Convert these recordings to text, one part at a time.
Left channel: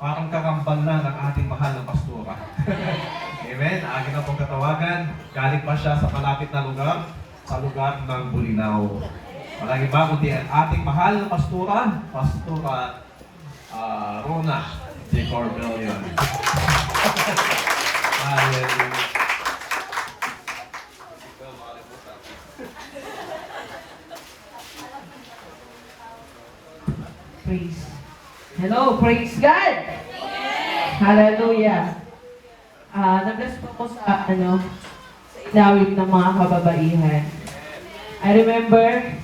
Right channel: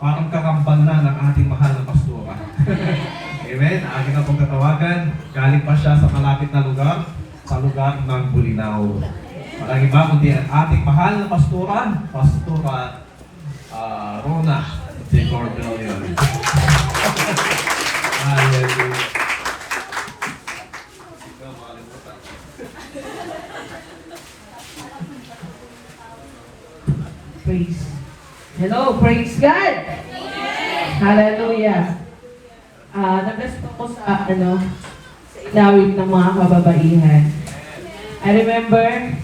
parang kakambal na ng ating mahal na pastora. Amen? Aking na pong tatawagan, galing pa siya sa malapit na lugar, sa lugar ng Bulinaw. Maraming ba kundi ang ating mahal na pastora, Pastora Rona de Cordellion. Hallelujah. Praise. Hello, praise God! Hallelujah! Nag-bless po sa, sa inawit ng mga kababaihan. I remember,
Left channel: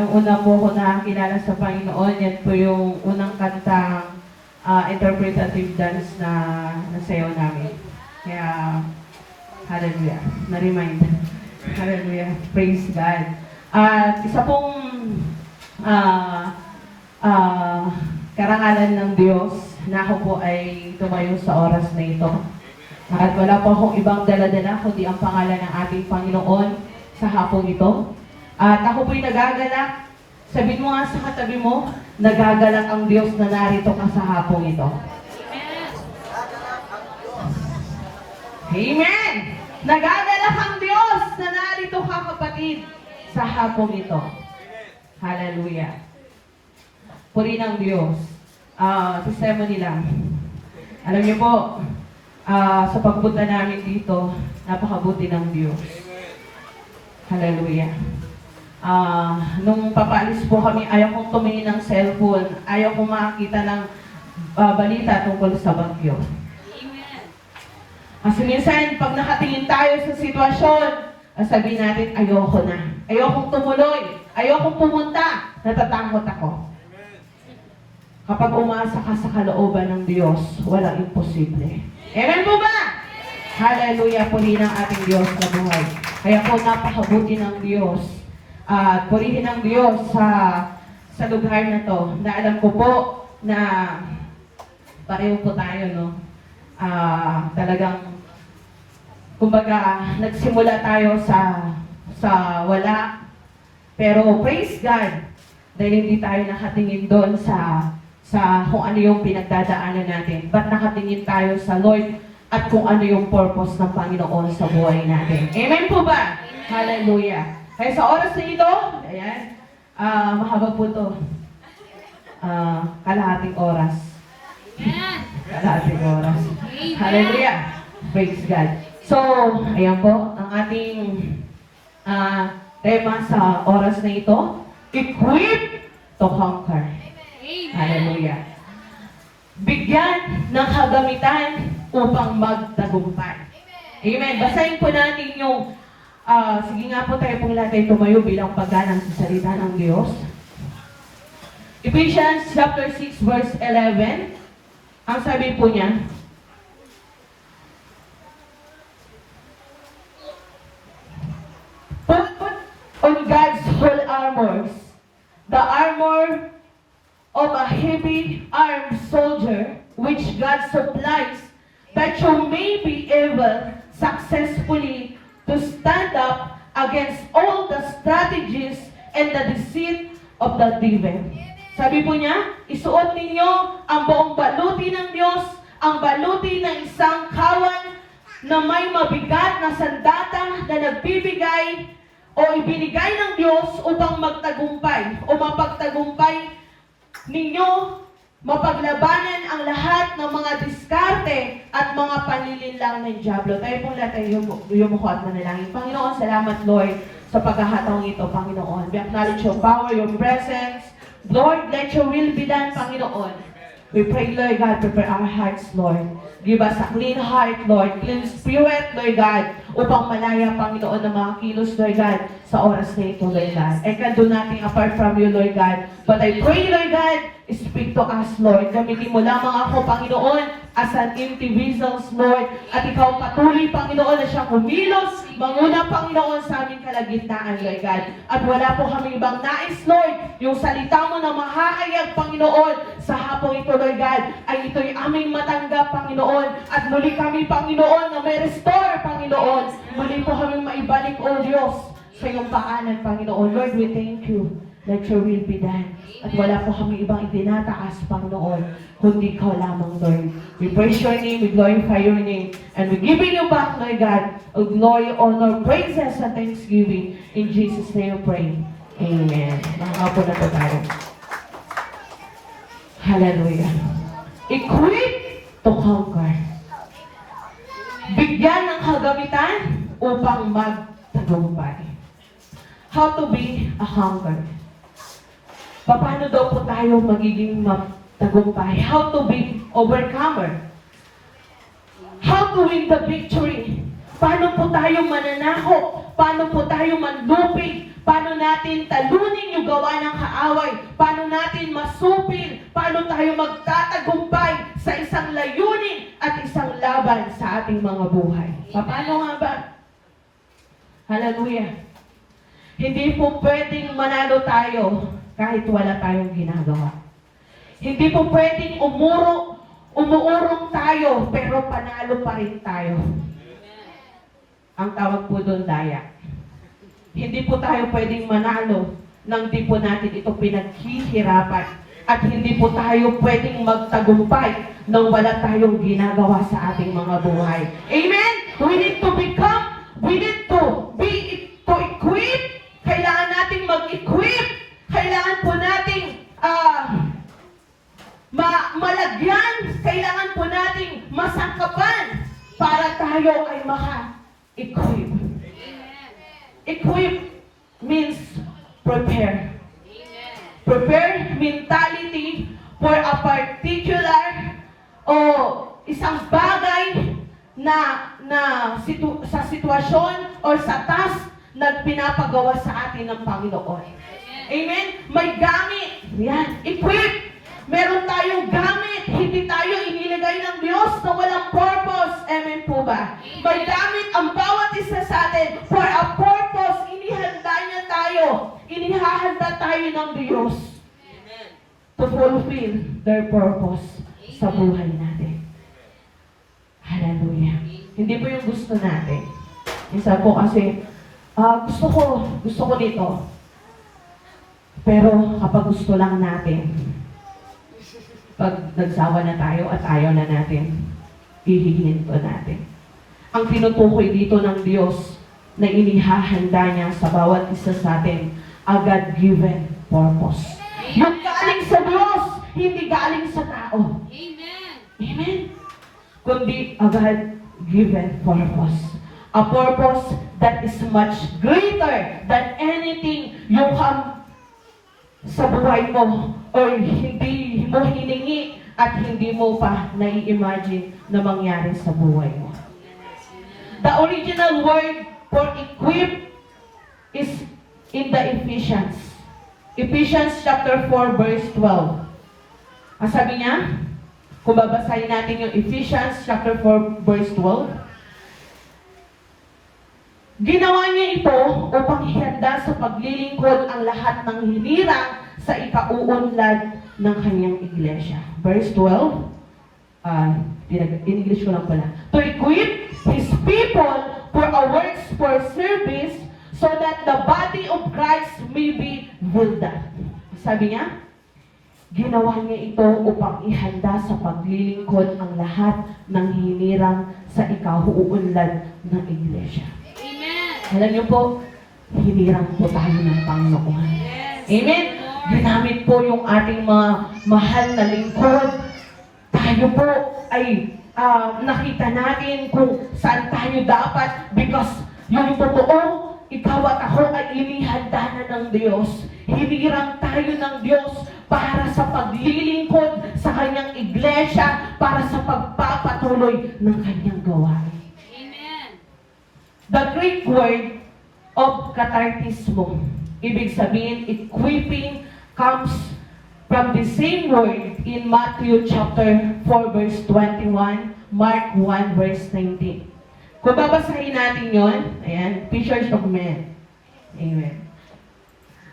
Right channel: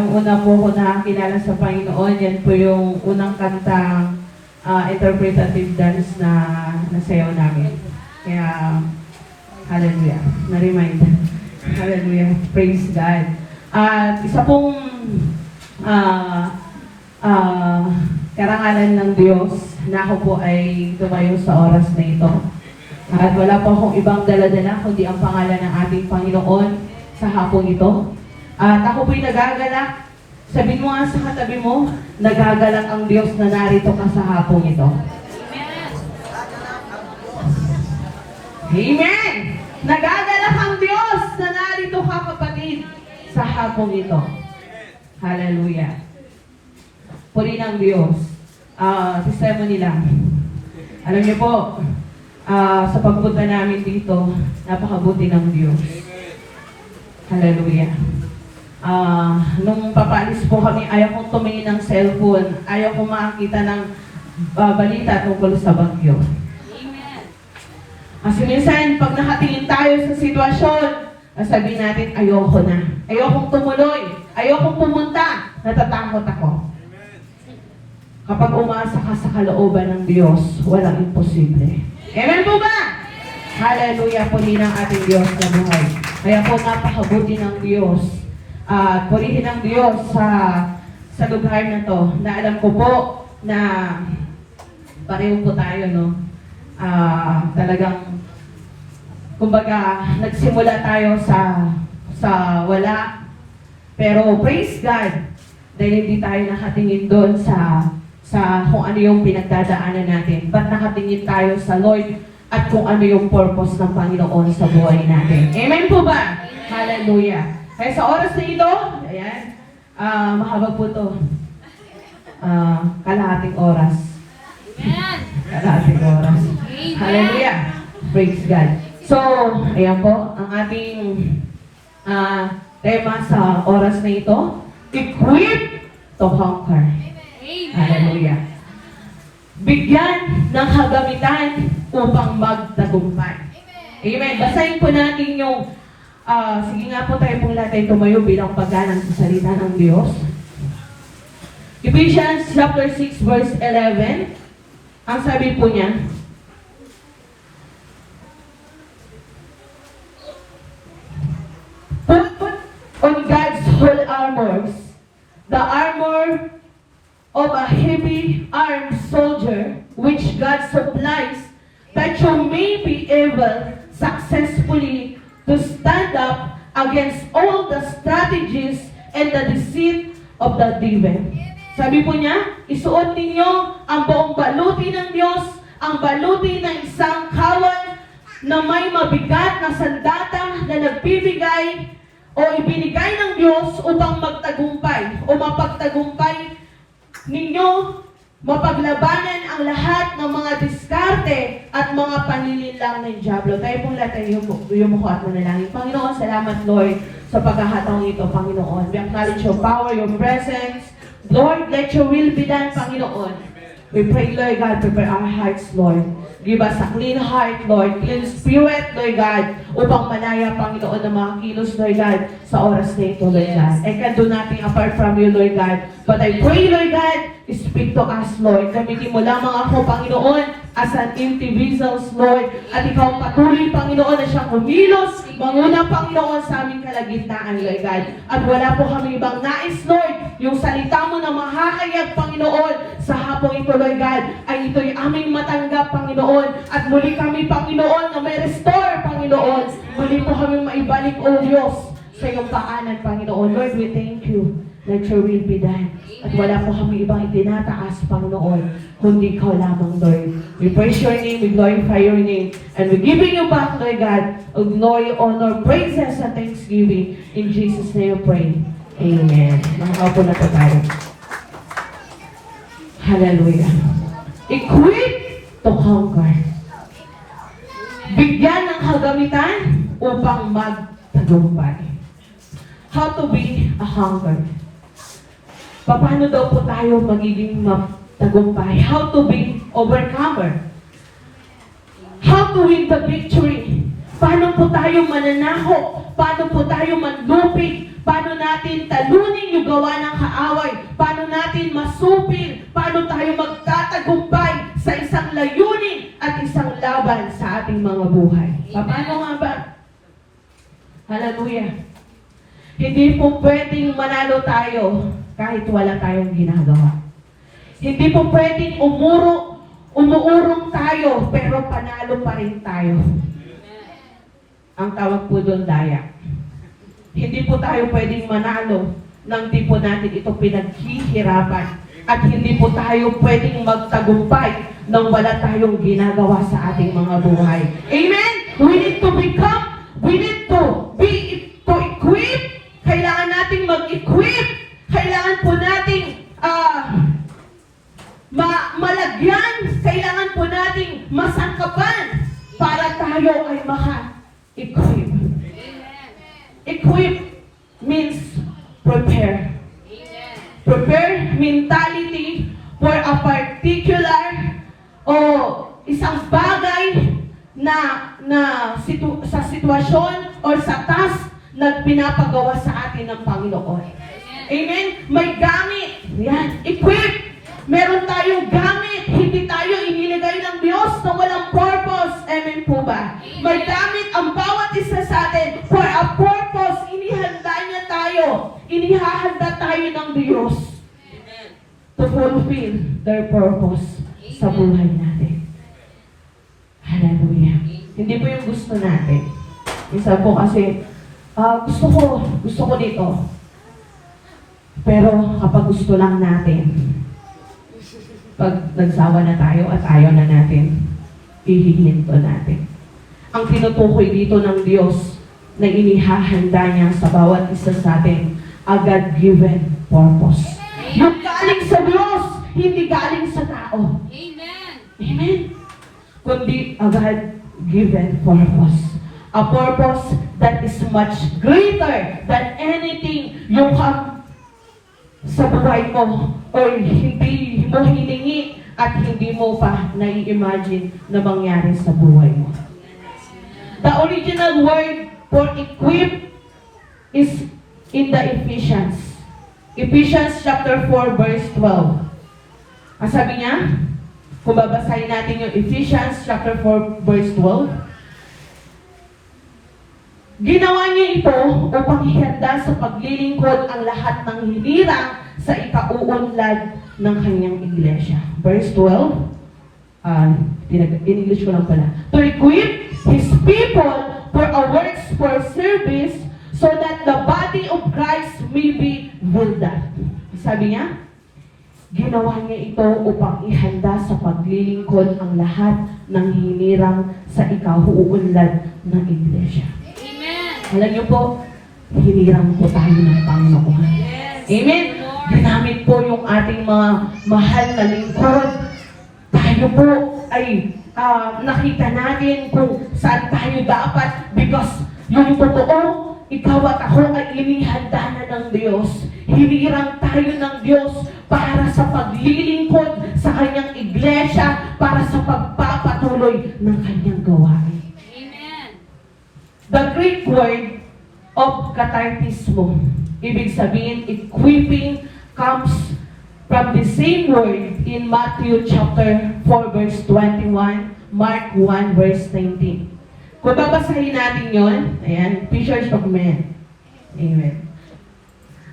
nung una po ako nakakilala sa Panginoon, yan po yung unang kanta, interpretative dance na nasayaw namin. Kaya, hallelujah, na-remind. Hallelujah, praise God. At isa pong karangalan ng Diyos na ako po ay tumayo sa oras na ito. At wala po akong ibang daladala kundi ang pangalan ng ating Panginoon sa hapong ito. At ako po'y nagagalak. Sabihin mo nga sa katabi mo, nagagalak ang Diyos na narito ka sa hapong ito. Amen! Nagagalak ang Diyos na narito ka, kapatid, sa hapong ito. Hallelujah. Puri ng Diyos. Testimony lang. Alam niyo po, sa pagpunta namin dito, napakabuti ng Diyos. Hallelujah. Nung papaalis po kami, ayaw kong tumingin ng cellphone, ayaw kong makakita ng balita tungkol sa bagyo. Kasi minsan, pag nakatingin tayo sa sitwasyon, sabihin natin, ayoko na. Ayokong tumuloy. Ayokong pumunta. Natatakot ako. Kapag umasa ka sa kalooban ng Diyos, walang imposible. Amen po ba? Hallelujah po din ang ating Diyos na buhay. Kaya po napakabuti ng Diyos. At purihin ng Diyos sa lugar na to. Na alam ko po na pareho po tayo, no? Talagang, kumbaga, nagsimula tayo sa wala. Pero praise God, dahil hindi tayo nakatingin doon sa kung ano yung pinagdadaanan natin. Ba't nakatingin tayo sa Lord at kung ano yung purpose ng Panginoon sa buhay natin. Amen po ba? Amen. Hallelujah. Kaya sa oras na ito, ayan, mahaba po ito. Kalahating oras. Amen. Kalahating oras. Amen. Hallelujah. Praise God. So, ayan po, ang ating tema sa oras na ito, equip to conquer. Hallelujah. Bigyan ng kagamitan upang magtagumpay. Amen. Basahin po natin yung, sige nga po tayo pong lahat tumayo bilang paggalang sa salita ng Diyos. Ephesians chapter 6 verse 11. Ang sabi po niya, put on God's whole armors, the armor of a heavy armed soldier, which God supplies, that you may be able successfully to stand up against all the strategies and the deceit of the devil. Sabi po niya, isuot ninyo ang buong baluti ng Diyos, ang baluti ng isang kawan na may mabigat na sandata na nagbibigay o ibinigay ng Diyos upang magtagumpay o mapagtagumpay ninyo, mapaglabanan ang lahat ng mga diskarte at mga panlilinlang ng Diablo. Tayo pong lahat ay yumuko at manalangin. Panginoon, salamat Lord sa pagkakataong ito, Panginoon. We acknowledge your power, your presence. Lord, let your will be done, Panginoon. We pray, Lord God, prepare our hearts, Lord. Give us a clean heart, Lord. Clean spirit, Lord God, upang malaya, Panginoon, ng mga kilos, Lord God, sa oras na ito, Lord God. I can't do nothing apart from you, Lord God. But I pray, Lord God, speak to us, Lord. Gamitin mo lamang ako, Panginoon, as an empty vessels, Lord. At ikaw patuloy, Panginoon, na siyang kumilos, manguna, Panginoon, sa aming kalagitnaan, Lord God. At wala po kami ibang nais, Lord, yung salita mo na mahahayag, Panginoon, sa hapong ito, Lord God, ay ito'y aming matanggap, Panginoon. At muli kami, Panginoon, na may restore, Panginoon. Muli po kami maibalik, O Diyos, sa iyong pangalan, Panginoon. Lord, we thank you. let your will be done. At wala po kami ibang itinataas, Panginoon, kundi ikaw lamang, Lord. We praise your name, we glorify your name, and we're giving you back, Lord God, of glory, honor, praises, and thanksgiving. In Jesus' name we pray. Amen. Nakakaupo na po tayo. Hallelujah. Equip to conquer. Bigyan ng kagamitan upang magtagumpay. How to be a conqueror. Paano daw po tayo magiging magtagumpay? How to be overcomer. How to win the victory. Paano po tayo mananaho? Paano po tayo manlupig? Paano natin talunin yung gawa ng kaaway? Paano natin masupil? Paano tayo magtatagumpay sa isang layunin at isang laban sa ating mga buhay? Paano nga ba? Hallelujah. Hindi po pwedeng manalo tayo kahit wala tayong ginagawa. Hindi po pwedeng umuurong tayo pero panalo pa rin tayo. Ang tawag po doon, daya. Hindi po tayo pwedeng manalo nang di po natin ito pinaghihirapan. At hindi po tayo pwedeng magtagumpay nang wala tayong ginagawa sa ating mga buhay. Amen? We need to equip. Kailangan nating mag-equip. Kailangan po nating malagyan. Kailangan po nating masangkapan para tayo ay maka-equip. Equip means prepare. Prepare mentality for a particular o isang bagay sa sitwasyon o sa task na pinapagawa sa atin ng Panginoon. Amen? May gamit. Yan. Equip. Meron tayong gamit. Hindi tayo inilagay ng Diyos na walang purpose. Amen po ba? May gamit ang bawat isa sa atin for a purpose. Inihanda niya tayo. Inihahanda tayo ng Diyos to fulfill their purpose sa buhay natin. Hallelujah. Hindi po yung gusto natin. Isa po kasi, gusto ko dito. Pero kapag gusto lang natin, pag nagsawa na tayo at ayaw na natin, ihihinto natin. Ang tinutukoy dito ng Diyos na inihahanda niya sa bawat isa sa atin, a God-given purpose. Yung galing sa Diyos, hindi galing sa tao. Amen. Amen? Kundi a God-given purpose. A purpose that is much greater than anything you have sa buhay mo o hindi mo hiningi at hindi mo pa nai-imagine na mangyari sa buhay mo. The original word for equip is in the Ephesians. Ephesians chapter 4 verse 12. Ang sabi niya, kung babasahin natin yung Ephesians chapter 4 verse 12, ginawa niya ito upang ihanda sa paglilingkod ang lahat ng hinirang sa ikauunlad ng kanyang iglesia. Verse 12, in-English ko lang pala. To equip His people for a works for service so that the body of Christ may be built up. Sabi niya, ginawa niya ito upang ihanda sa paglilingkod ang lahat ng hinirang sa ikauunlad ng iglesia. Alam niyo po, hinirang po tayo ng Panginoon. Amen? Ginamit po yung ating mga mahal na lingkod. Tayo po ay nakita natin kung saan tayo dapat because yung totoo, ikaw at ako ay inihanda na ng Diyos. Hinirang tayo ng Diyos para sa paglilingkod sa kanyang iglesia, para sa pagpapatuloy ng kanyang gawain. The Greek word of katartismo, ibig sabihin, equipping, comes from the same word in Matthew chapter 4 verse 21, Mark 1 verse 19. Kung babasahin natin yon, ayan, fishers of men. Amen.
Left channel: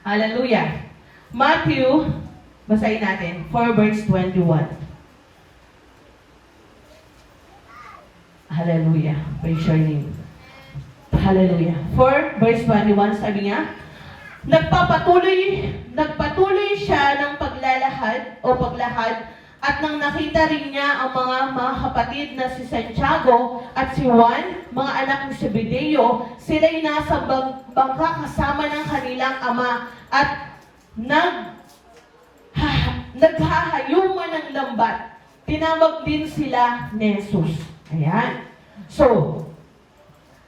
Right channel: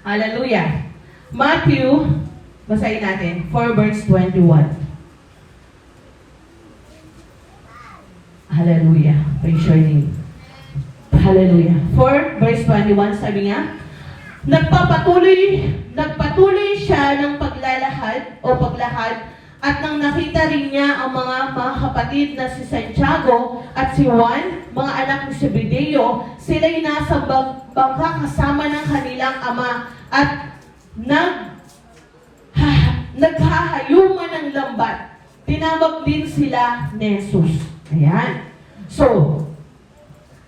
Hallelujah. Matthew, basahin natin, 4 verse 21. Hallelujah. Praise your name. Hallelujah. 4 verse 21, sabi niya, Nagpatuloy siya ng paglakad at nang nakita rin niya ang mga kapatid na si Santiago at si Juan, mga anak ni Zebedeo, sila'y nasa bangka kasama ng kanilang ama at naghahayuman ng lambat. Tinawag din sila ni Jesus. Ayan. So,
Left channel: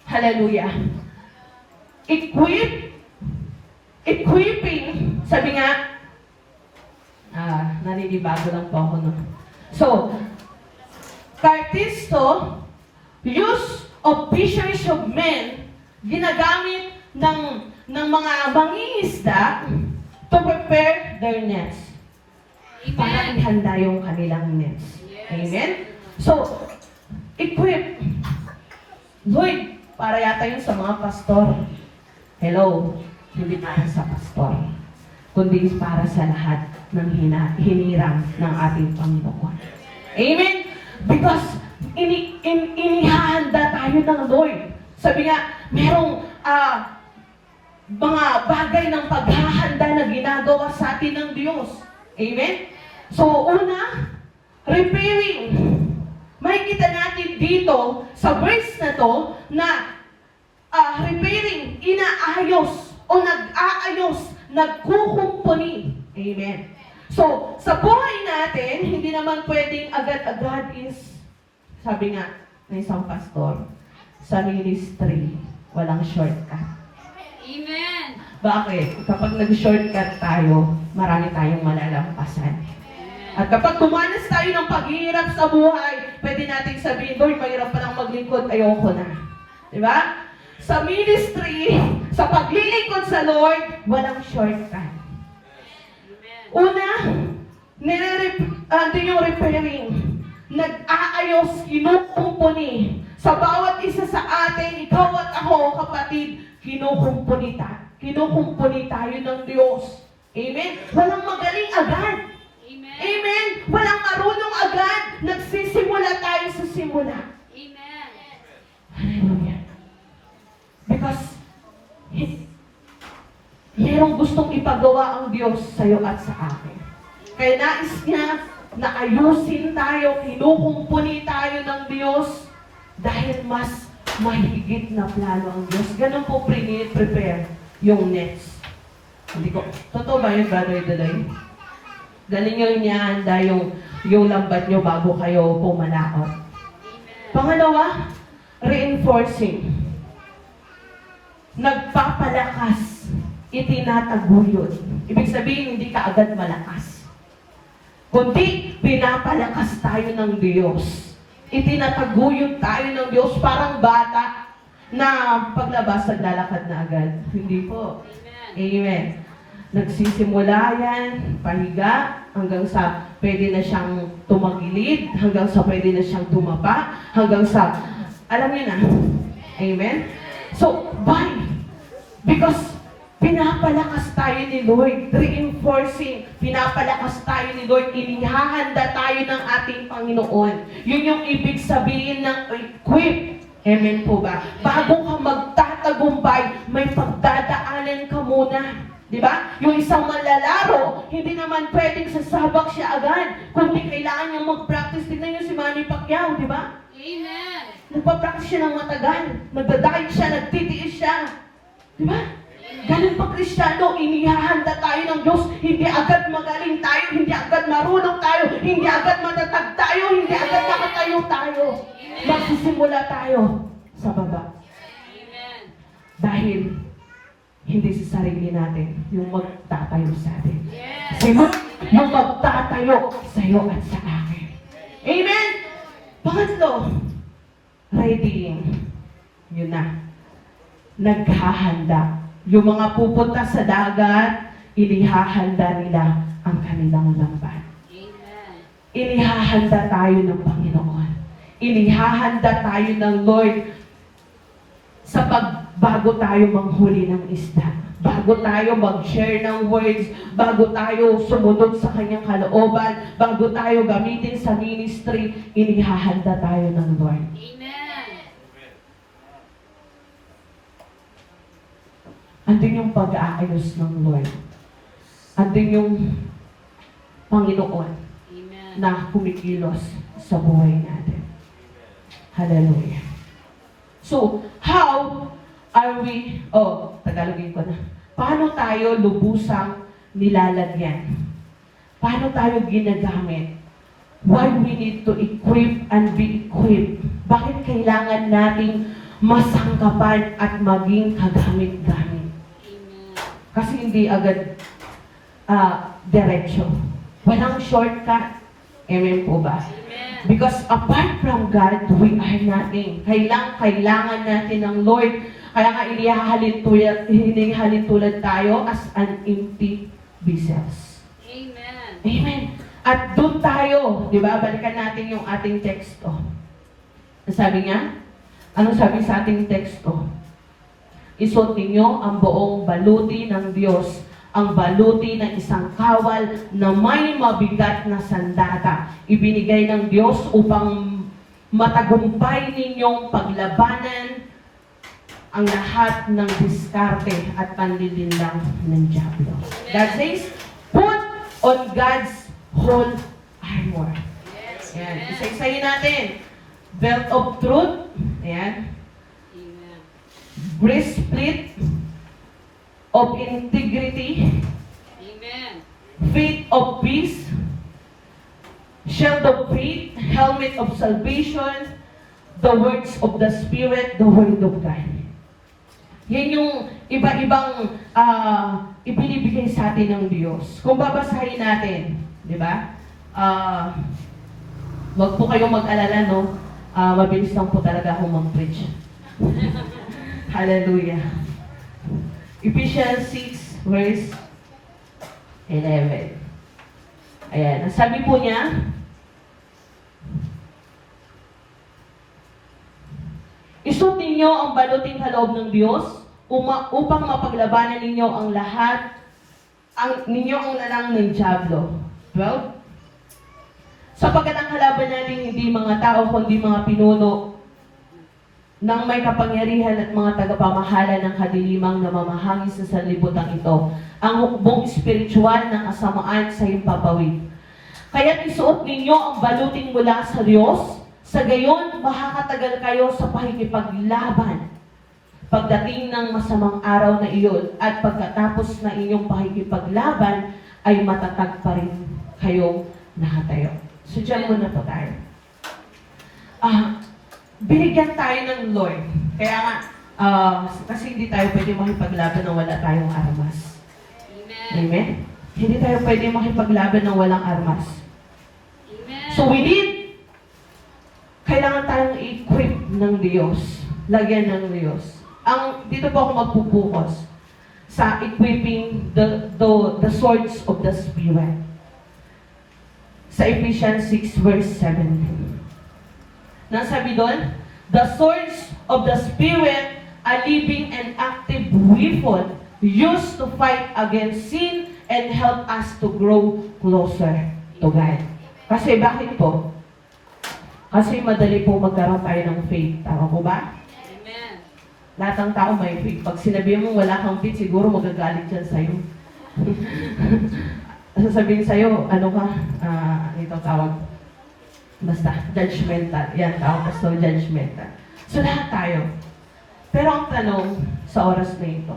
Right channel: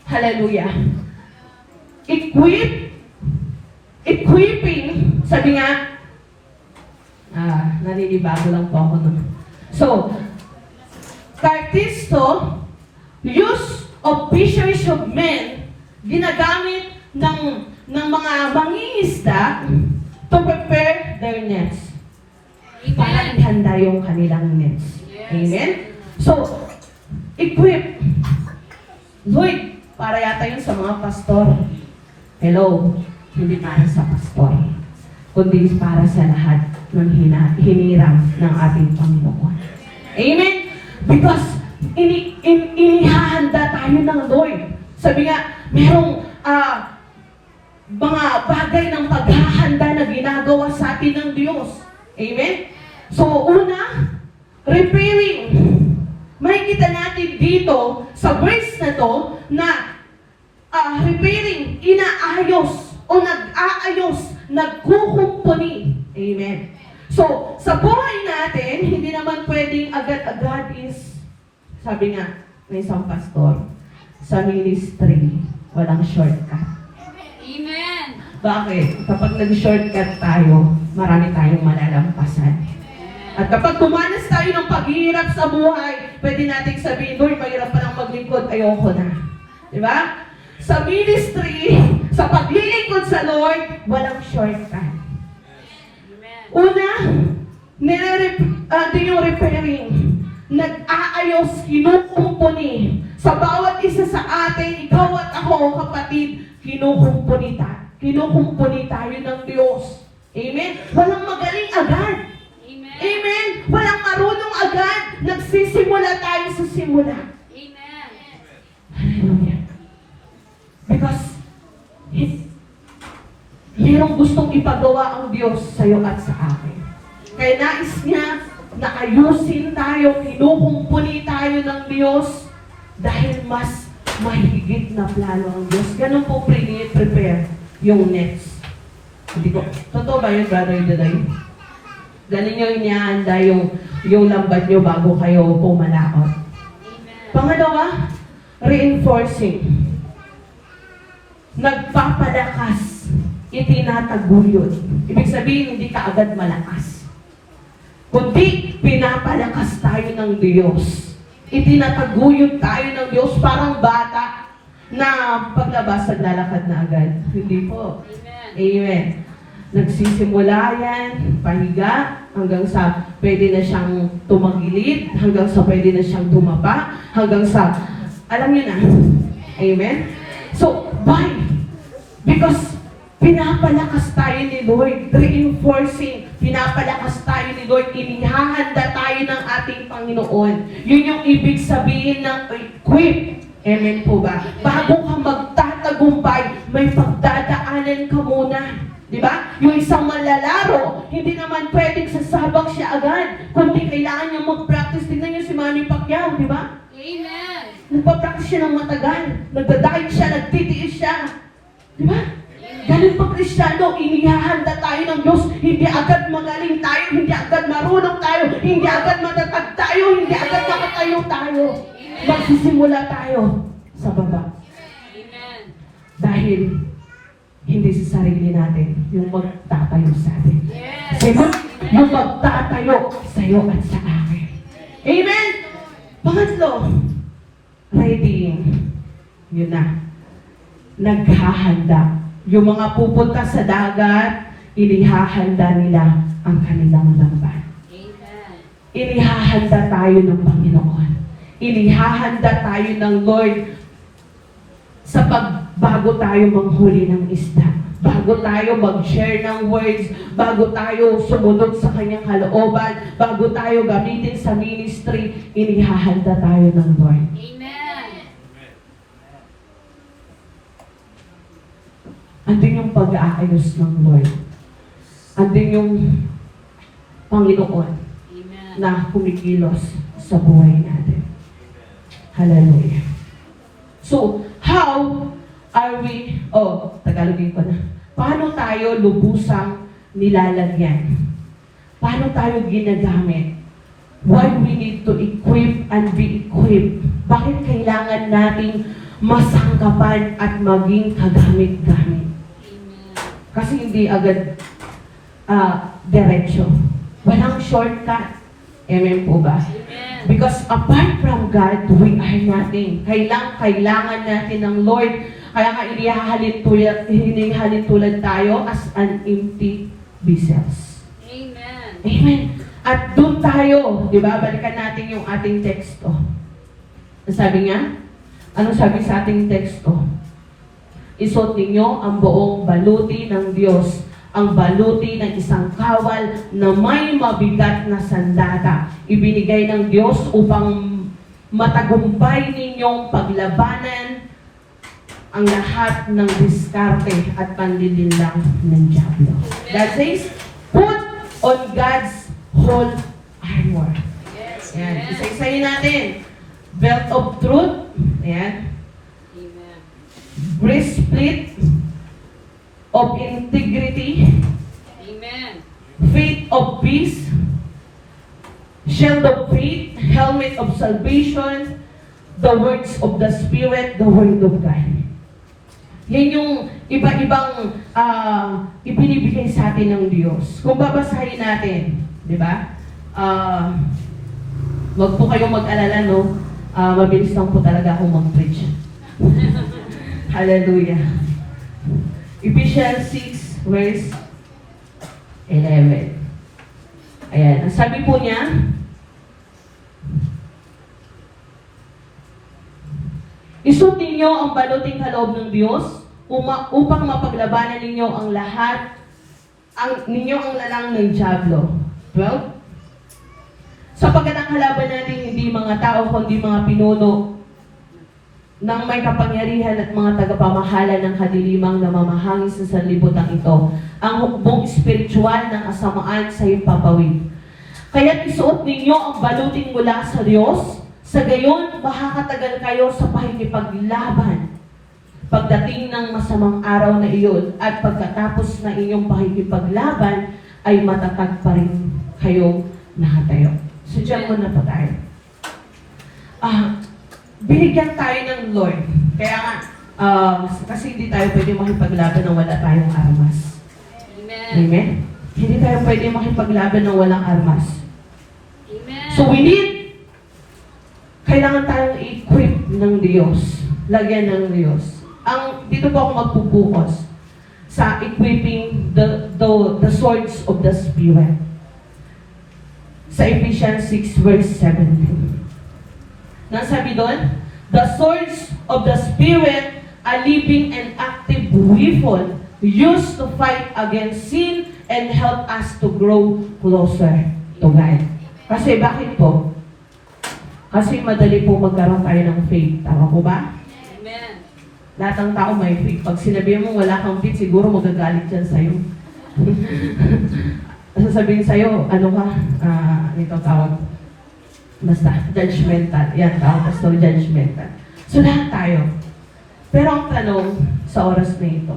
hallelujah. Equipping, sabi nga, naninibago lang po ako nun. So, Partisto, use of fishers of men, ginagamit ng mga mangingisda to prepare their nets. Para ihanda yung kanilang nets. Amen? So, equip. Lloyd, para yata yun sa mga pastor. Hello, hindi para sa pastor, kundi para sa lahat ng hinirang ng ating Panginoon. Amen? Because inihahanda tayo ng Lord. Sabi nga, merong mga bagay ng paghahanda na ginagawa sa atin ng Diyos. Amen? So, una, repairing. Makikita natin dito sa verse na to na repairing, inaayos o nag-aayos, nagkukumpuni. Amen. So, sa buhay natin, hindi naman pwedeng agad-agad is, sabi nga, may isang pastor, sa ministry, walang shortcut. Amen. Bakit? Kapag nag-shortcut tayo, marami tayong malalampasan. At kapag tumanas tayo ng paghihirap sa buhay, pwede natin sabihin, Lord, mahirap pa lang maglingkod, ayoko na. Diba? Sa ministry, sa paglilingkod sa Lord, walang shortcut. Una, din yung repairing. Nag-aayos, kinukumpuni. Sa bawat isa sa atin, ikaw at ako, kapatid, kinukumpuni tayo ng Diyos. Amen? Walang magaling agad. Amen. Amen? Walang marunong agad. Nagsisimula tayo sa simula. Amen. Hallelujah. Because mayroong gustong ipagawa ang Diyos sa iyo at sa akin. Kaya nais niya na ayusin tayo, kinukumpuni tayo ng Diyos dahil mas mahigit na plano ang Diyos. Ganun po prepare yung next. Hindi ko, totoo ba yun, Brother Delay? Galing nyo inihanda yung lambat nyo bago kayo pumalakot. Pangalawa, reinforcing. Nagpapalakas, itinataguyod. Ibig sabihin, hindi ka agad malakas. Kundi, pinapalakas tayo ng Diyos. Itinataguyod tayo ng Diyos parang bata na paglabas, naglalakad na agad. Hindi po. Amen. Nagsisimula yan, pahiga, hanggang sa pwede na siyang tumagilid, hanggang sa pwede na siyang tumaba, hanggang sa, alam niyo na. Amen? So, why? Because pinapalakas tayo ni Lord, reinforcing, pinapalakas tayo ni Lord, inihahanda tayo ng ating Panginoon. Yun yung ibig sabihin ng equip. Amen po ba? Bago ka magtatagumpay, may pagdadaanan ka muna. Diba? Yung isang manlalaro, hindi naman pwedeng sasabak siya agad, kundi kailangan niyang mag-practice. Tignan niyo si Manny Pacquiao, diba? Amen. Nagpa-practice siya ng matagal. Nagda-diet siya, nagtitiis siya. Diba? Ganun pa Kristiyano, inihahanda tayo ng Diyos. Hindi agad magaling tayo, hindi agad marunong tayo, hindi agad matatag tayo, hindi agad makatayo tayo. Magsisimula tayo sa baba. Amen. Dahil hindi sa sarili natin yung magtatayo sa atin. Yes. Sino? Yung magtatayo sa iyo at sa akin. Amen? Pangatlo, readying. Yun na. Naghahanda. Yung mga pupunta sa dagat, inihahanda nila ang kanilang lambat. Amen. Inihahanda tayo ng Panginoon. Inihahanda tayo ng Lord sa bago tayo manghuli ng isda, bago tayo mag-share ng words, bago tayo sumunod sa kanyang kalooban, bago tayo gamitin sa ministry, inihahanda tayo ng Lord. Amen. Andun yung pag-aakit inaayos ng Lord. Andun yung Panginoon Amen. na kumikilos sa buhay natin. Hallelujah. So, how are we, Tagalogin ko na. Paano tayo lubusang nilalagyan? Paano tayo ginagamit? Why we need to equip and be equipped? Bakit kailangan nating masangkapan at maging kagamit-gamit? Amen. Kasi hindi agad diretsyo. Walang shortcut. Amen po ba? Amen. Because apart from God, we are nothing. Kailangan natin ng Lord. Kaya nga inihalin tulad tayo as an empty vessels. Amen. Amen. At doon tayo, di ba? Balikan natin yung ating teksto. Ang sabi nga, anong sabi sa ating teksto? Isuot ninyo ang buong baluti ng Diyos, ang baluti ng isang kawal na may mabigat na sandata. Ibinigay ng Diyos upang matagumpay ninyong paglabanan ang lahat ng diskarte at panlilinlang ng diablo. That says, put on God's whole armor. Yes. Ayan. Amen. Isa-isayin natin. Belt of truth. Ayan. Amen. Breastplate of integrity. Amen. Faith of peace. Shield of faith. Helmet of salvation. The words of the Spirit. The Word of God. Yan yung iba-ibang ibinibigay sa atin ng Diyos. Kung babasahin natin, di ba? Wag po kayong mag-alala, no? Mabilis lang po talaga akong mag-preach. Hallelujah. Ephesians 6, verse 11. Ayan. Ang sabi po niya, isuot ninyo ang baluting kaloob ng Diyos upang mapaglabanan ninyo ang lahat, ang lalang ng diablo. 12. Sapagkat ang kalaban natin hindi mga tao, kundi mga pinuno ng may kapangyarihan at mga tagapamahala ng kadilimang namamahangis sa sanlibutan ito, ang hukbong espiritual ng kasamaan sa himpapawid. Kaya't isuot ninyo ang baluting mula sa Diyos, sa gayon makakatagal kayo sa pakikipaglaban pagdating ng masamang araw na iyon, at pagkatapos na inyong pakikipaglaban ay matatag pa rin kayo nakatayo. So dyan muna po tayo. Binigyan tayo ng Lord. Kaya nga, kasi hindi tayo pwede makipaglaban nang wala tayong armas. Amen. Amen? Hindi tayo pwede makipaglaban nang walang armas. Amen. So we need, kailangan tayong i-equip ng Diyos. Lagyan ng Diyos. Dito po ako magpupukas sa equipping the swords of the Spirit. Sa Ephesians 6 verse 17. Nasabi doon, the swords of the Spirit, a living and active weapon used to fight against sin and help us to grow closer to God. Kasi bakit po? Kasi madali po magkaroon tayo ng faith. Tama po ba? Amen. Lahat ng tao may faith. Pag sinabi mo wala kang faith, siguro magagalit dyan sa'yo. Sasabihin sa'yo, ano ka? Ito tawag. Basta, judgmental. Yan, tawag pastor, judgmental. So, lahat tayo. Pero ang tanong sa oras na ito,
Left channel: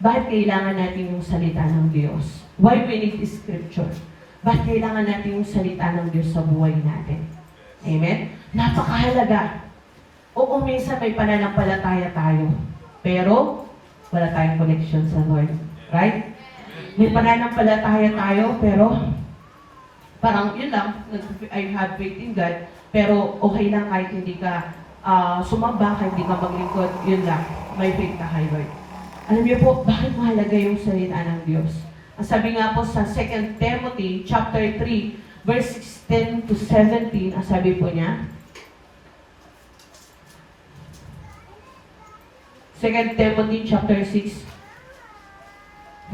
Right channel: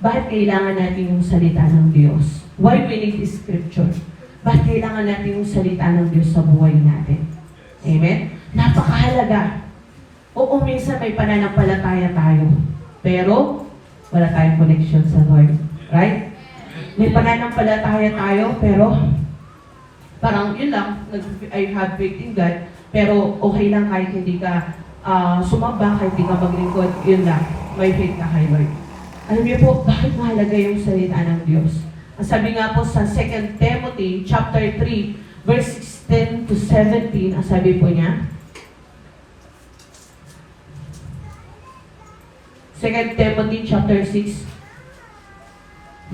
bakit kailangan natin yung salita ng Diyos? Why we need this scripture? Bakit kailangan natin yung salita ng Diyos sa buhay natin? Amen? Napakahalaga. Oo, minsan may pananampalataya tayo. Pero, wala tayong connection sa Lord. Right? May pananampalataya tayo, pero parang yun lang, I have faith in God, pero okay lang kahit hindi ka sumamba, kahit hindi ka maglingkod, yun lang, may faith na kay Lord. Alam niyo po, bakit mahalaga yung salita ng Diyos? Ang sabi nga po sa 2 Timothy chapter 3, verse 16 to 17, ang sabi po niya, 2 Timothy chapter 6,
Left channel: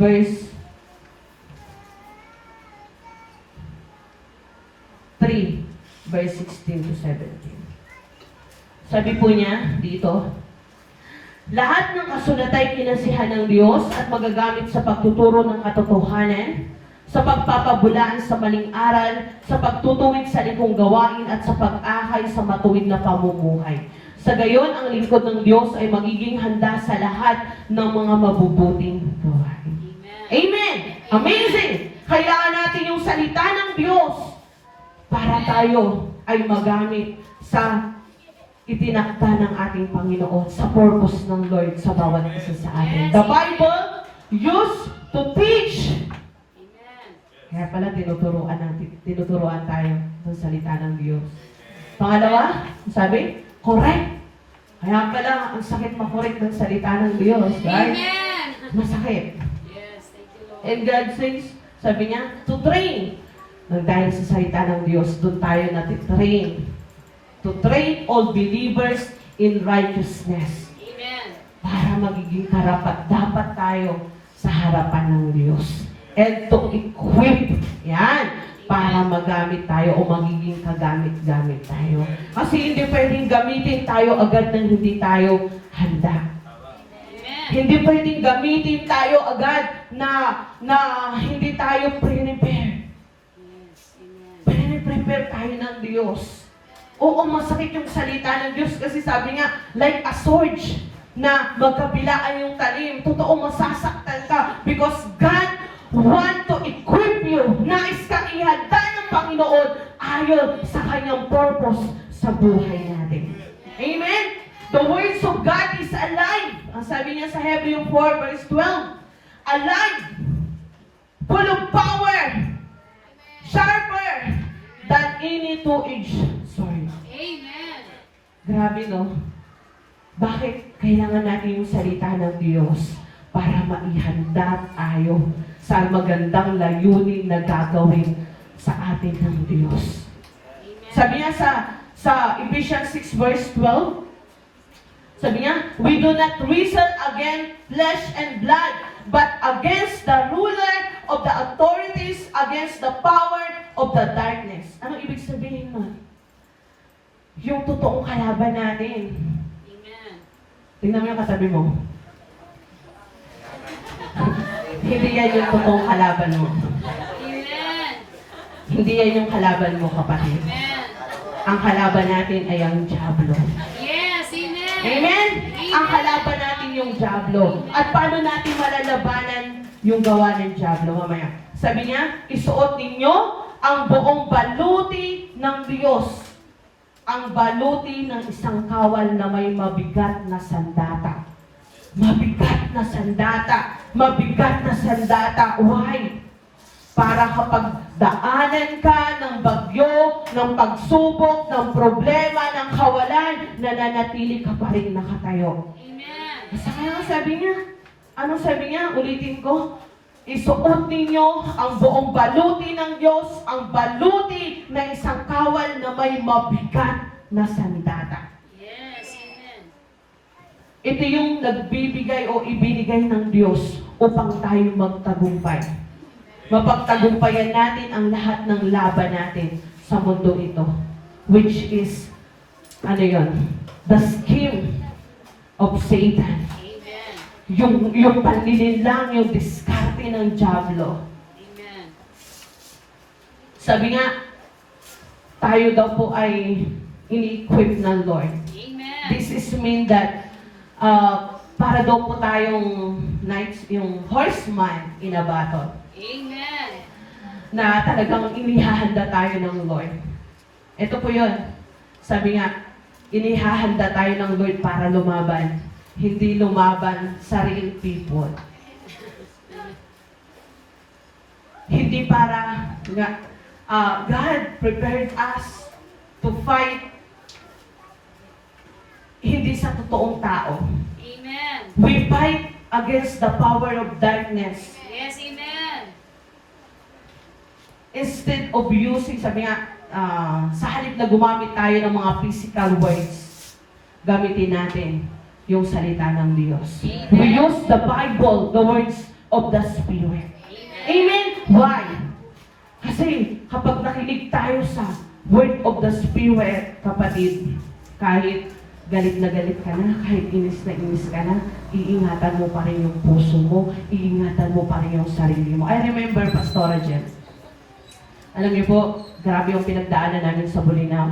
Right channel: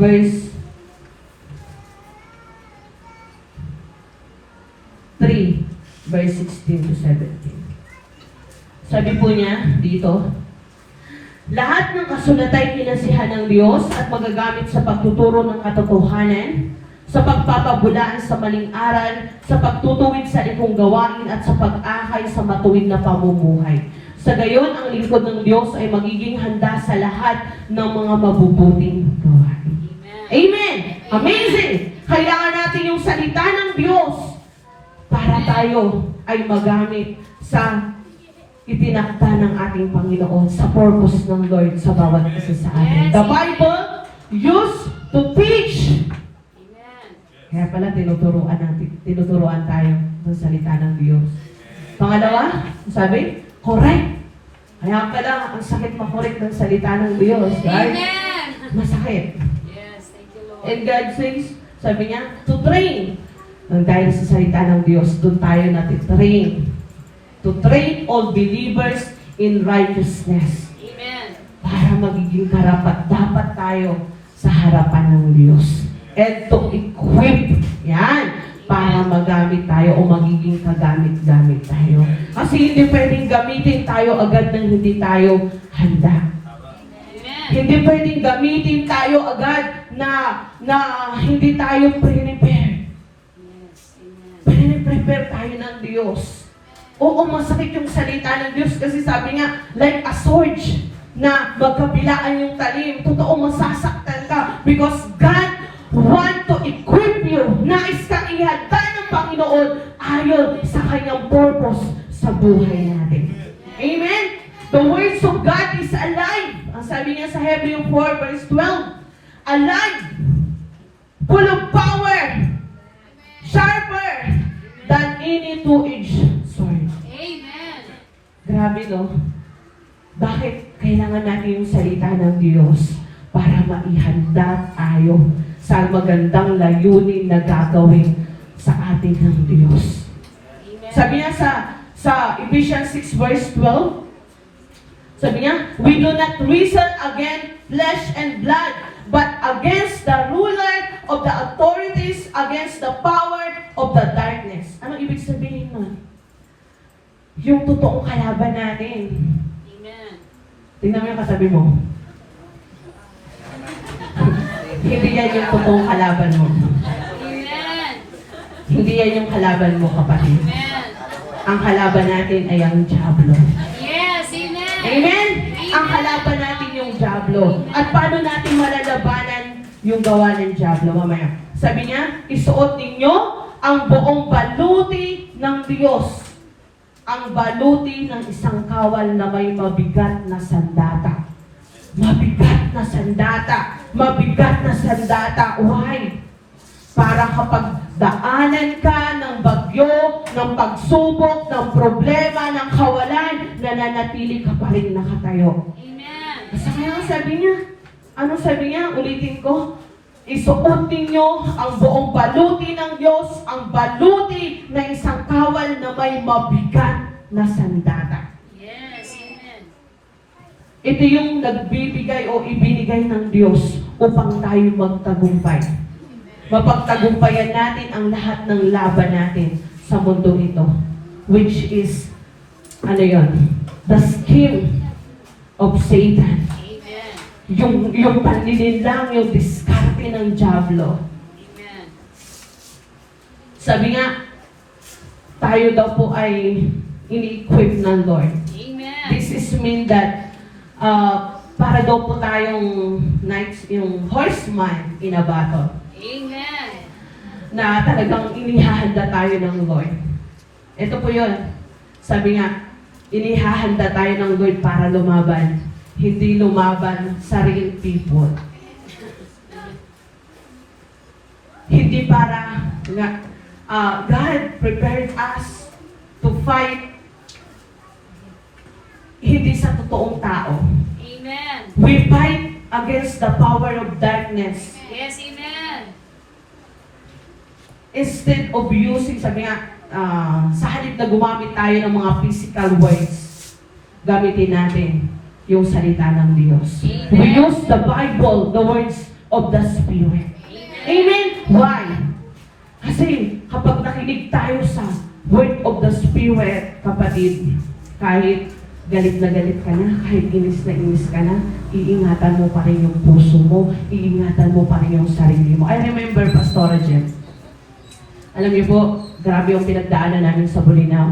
verse 3, verse 16 to 17. Sabi po niya dito, Lahat ng kasulatan kinasihan ng Diyos at magagamit sa pagtuturo ng katotohanan, sa pagpapabulaan sa maling aral, sa pagtutuwid sa likong gawain at sa pag-akay sa matuwid na pamumuhay. Sa gayon, ang lingkod ng Diyos ay magiging handa sa lahat ng mga mabubuting gawain. Amen! Amazing! Kailangan natin yung salita ng Diyos para tayo ay magamit sa itinakda ng ating Panginoon, sa purpose ng Lord sa bawat isa sa atin. The Bible used to teach. Amen. Kaya pala tinuturuan tayo ng salita ng Diyos. Pangalawa, sabi, correct. Kaya pala ang sakit makorek ng salita ng Diyos. Guys, Amen. masakit. Yes, thank you, Lord. And God says, sabi niya, to train. Nang dahil sa salita ng Diyos, doon tayo natitrain. To train all believers in righteousness. Amen. Para magiging karapat-dapat tayo sa harapan ng Diyos. And to equip, yan, para magamit tayo o magiging kagamit-gamit tayo. Kasi hindi pwedeng gamitin tayo agad nang hindi tayo handa. Amen. Hindi pwedeng gamitin tayo agad na hindi tayo prepare. Yes, amen. Prepare tayo ng Diyos. Oo, masakit yung salita ng Diyos kasi sabi niya, like a sword na magkabilaan yung talim. Totoo, masasaktan ka because God want to equip you. Nais ka ihanda ng Panginoon ayon sa kanyang purpose sa buhay natin. Amen? The words of God is alive. Ang sabi niya sa Hebrew 4 verse 12, alive, full of power, sharper than any two-edged sword. Amen. Grabe, no? Bakit kailangan natin yung salita ng Diyos? Para maihanda tayo sa magandang layunin na gagawin sa atin ng Diyos. Amen. Sabi niya sa Ephesians 6 verse 12, sabi niya, we do not wrestle against flesh and blood, but against the ruler of the authorities, against the power of the darkness. Ano ibig sabihin nun? Yung totoong kalaban natin. Amen. Tingnan mo yung kasabi mo. Hindi yan yung totoong kalaban mo. Amen. Hindi yan yung kalaban mo, kapatid. Amen. Ang kalaban natin ay ang Diablo. Yes, amen. Amen? Ang kalaban natin yung Diablo. At paano natin malalabanan yung gawa ng Diablo? Mamaya. Sabi niya, isuot ninyo ang buong baluti ng Diyos. Ang baluti ng isang kawal na may mabigat na sandata. Mabigat na sandata. Mabigat na sandata. Why? Para kapag daanan ka ng bagyo, ng pagsubok, ng problema, ng kawalan, nananatili ka pa rin nakatayo. Amen. Kasi kaya sabi niya, ano sabi niya? Ulitin ko. Isuot ninyo ang buong baluti ng Diyos, ang baluti ng isang kawal na may mabigat na sandata. Yes, amen. Ito yung nagbibigay o ibinigay ng Diyos upang tayo magtagumpay. Mapagtagumpayan natin ang lahat ng laban natin sa mundo ito. Which is, ano yun? The scheme of Satan. Amen. Yung panlilinlang, yung diskarte ng Diablo. Amen. Sabi nga, tayo daw po ay ini-equip ng Lord. Amen. This is mean that para daw po tayong knights, yung horseman in a battle. Amen. Na talagang inihahanda tayo ng Lord. Ito po yun. Sabi nga, inihahanda tayo ng Lord para lumaban. Hindi lumaban sa real people. Hindi para nga, God prepared us to fight hindi sa totoong tao. Amen. We fight against the power of darkness. Yes, amen. Instead of using, sabi nga, sa halip na gumamit tayo ng mga physical words, gamitin natin yung salita ng Diyos. We use the Bible, the words of the Spirit. Amen? Why? Kasi kapag nakinig tayo sa word of the Spirit, kapatid, kahit galit na kahit inis na inis ka na, iingatan mo pa rin yung puso mo, iingatan mo pa rin yung sarili mo. I remember Pastora Jem. Alam niyo po, grabe yung pinagdaanan namin sa Bulinaw.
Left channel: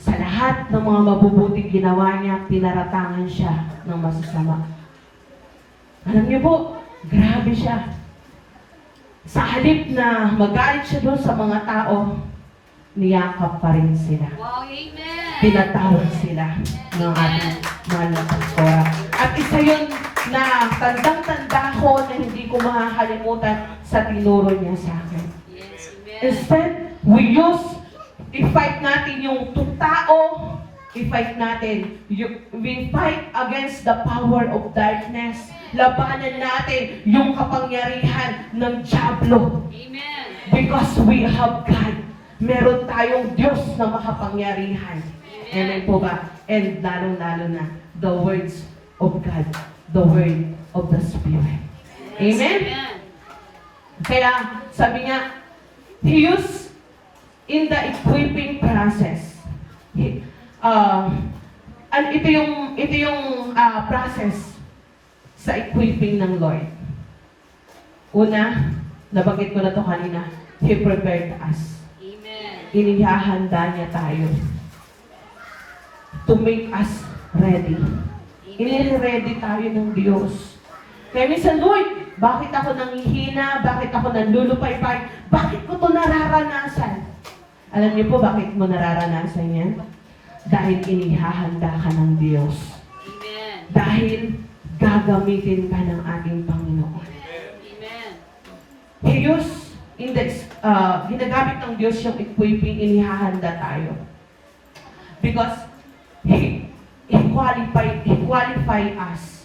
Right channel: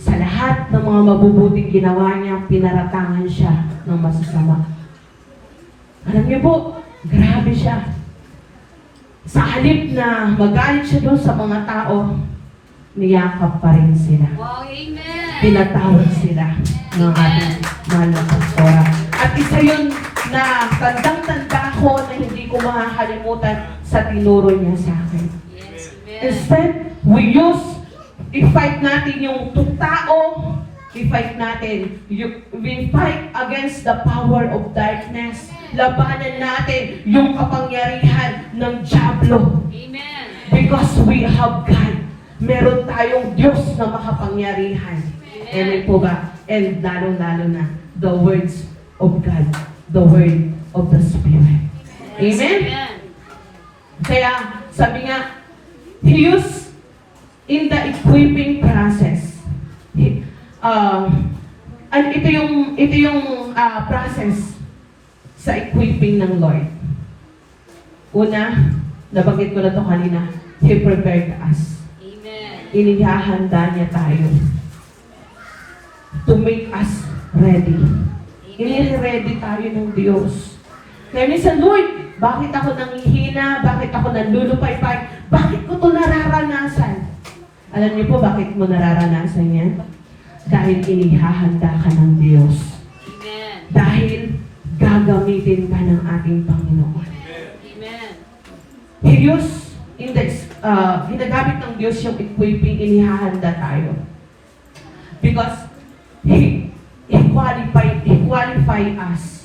Sa lahat ng mga mabubuting ginawa niya, pinaratangan siya ng masasama. Alam niyo po, grabe siya. Sa halip na magalit siya doon sa mga tao, niyakap pa rin sila. Wow, amen. Pinatawad sila ng ating mahal na pastora. At isa yun na tandang-tanda ko na hindi ko makakalimutan sa tinuro niya sa akin. Yes, amen. Instead, i-fight natin yung tao, i-fight natin, we fight against the power of darkness. Labanan natin yung kapangyarihan ng Diablo. Amen. Because we have God. Meron tayong Diyos na makapangyarihan. Amen po ba? And lalo-lalo na, the words of God, the word of the Spirit. Amen? Kaya, sabi nga, He used in the equipping process. And ito yung process sa equipping ng Lord. Una, nabanggit ko na ito kanina, He prepared us. Amen. Inihahanda niya tayo to make us ready. Ini-ready tayo ng Diyos. Kaya minsan, Lord, bakit ako nanghihina? Bakit ako nandulupay-pay? Bakit ko ito nararanasan? Alam niyo po bakit mo nararanasan yan? Dahil inihahanda ka ng Diyos. Amen. Dahil gagamitin ka ng ating Panginoon. Amen. He used ginagamit ng Diyos yung equipping, inihahanda tayo. Because He qualify us.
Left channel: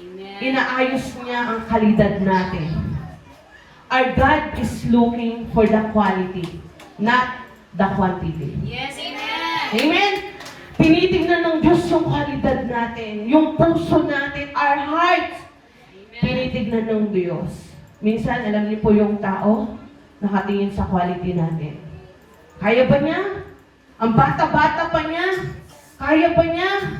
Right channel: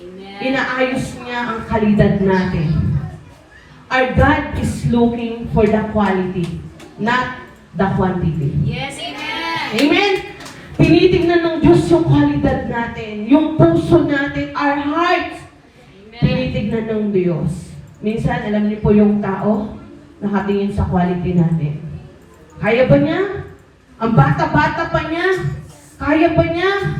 Amen. Inaayos niya ang kalidad natin. Our God is looking for the quality, not the quantity. Yes, amen. Amen? Tinitingnan ng Diyos yung kalidad natin, yung puso natin, our hearts. Amen. Tinitingnan ng Diyos. Minsan, alam niyo po yung tao, nakatingin sa quality natin. Kaya ba niya? Ang bata-bata pa niya? Kaya ba niya?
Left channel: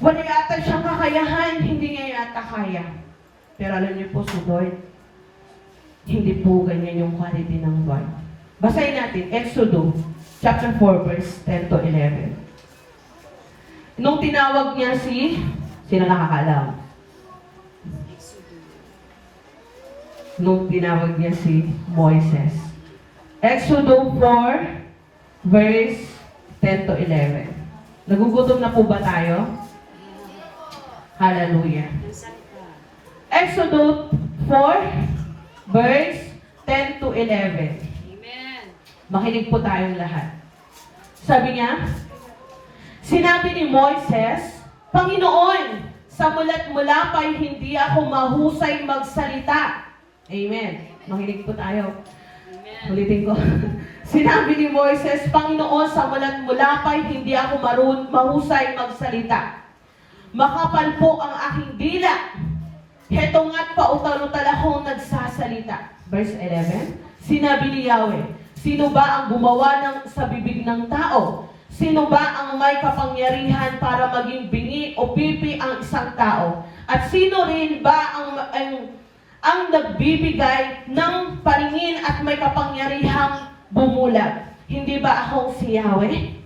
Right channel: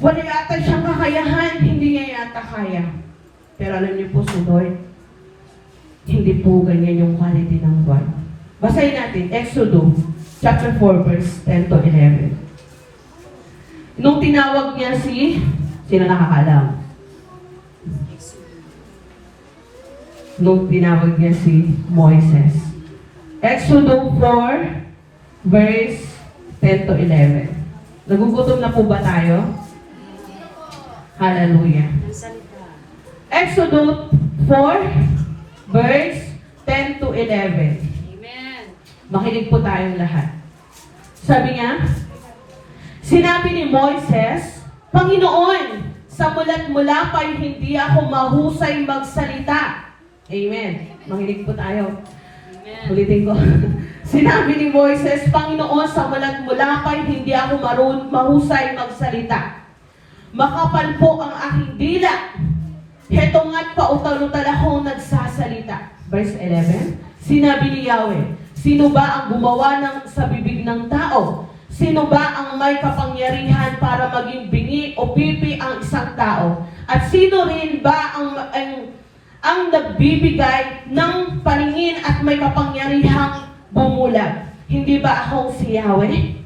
Wala yata siyang kakayahan, hindi niya yata kaya. Pero alam niyo po, si Lord, hindi po ganyan yung quality ng Lord. Basahin natin, Exodus chapter 4, verse 10 to 11. Nung tinawag niya sino nakakaalam? Nung tinawag niya si Moises. Exodus 4, verse 10 to 11. Nagugutom na po ba tayo? Hallelujah. Exodus 4, verse 10 to 11. Amen. Makinig po tayong lahat. Sabi niya, sinabi ni Moises, Panginoon, sa mula't mula pa'y hindi ako mahusay magsalita. Amen. Makinig po tayo. Amen. Ulitin ko. Sinabi ni Moises, Panginoon, sa mula't mula pa'y hindi ako mahusay magsalita. Makapal po ang aking dila. Heto nga't pautal-utal akong nagsasalita. Verse 11, sinabi ni Yahweh, sino ba ang gumawa sa bibig ng tao? Sino ba ang may kapangyarihan para maging bingi o pipi ang isang tao? At sino rin ba ang nagbibigay ng paningin at may kapangyarihang bumulag? Hindi ba akong si Yahweh?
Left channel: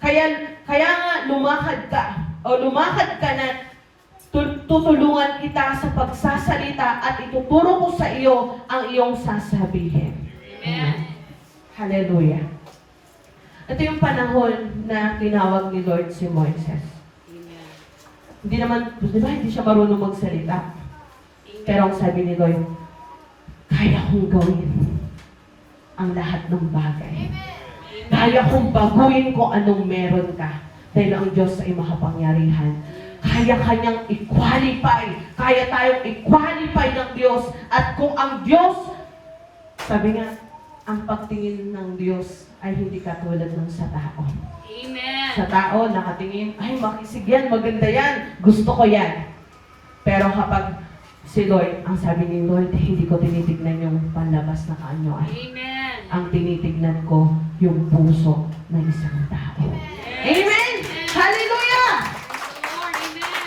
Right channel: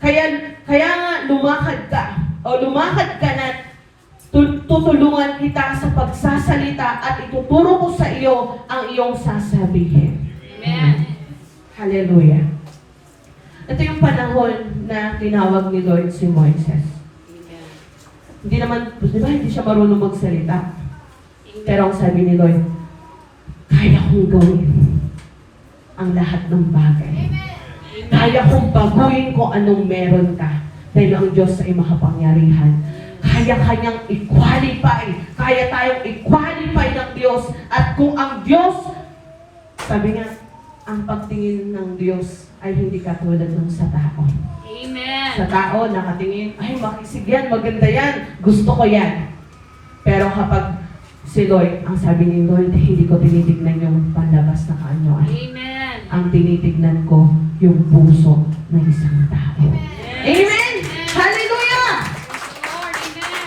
Kaya nga lumakad ka na tutulungan kita sa pagsasalita at ituturo ko sa iyo ang iyong sasabihin. Amen. Hallelujah. Ito yung panahon na tinawag ni Lord si Moises. Hindi naman, di ba, hindi siya marunong magsalita. Pero ang sabi ni Lord, kaya kong gawin ang lahat ng bagay. Kaya kong baguhin kung anong meron ka. Dahil ang Diyos ay makapangyarihan. Kaya kanyang i-qualify. Kaya tayong i-qualify ng Diyos. At kung ang Diyos, sabi nga, ang pagtingin ng Diyos ay hindi katulad ng sa tao. Amen. Sa tao, nakatingin, ay makisig yan, maganda yan, gusto ko yan. Pero kapag si Lord, ang sabi ni Lord, hindi ko tinitignan yung panlabas na kaanyuan. Amen. Ang tinitignan ko, yung puso ng isang tao. Amen! Hallelujah! Lord, amen.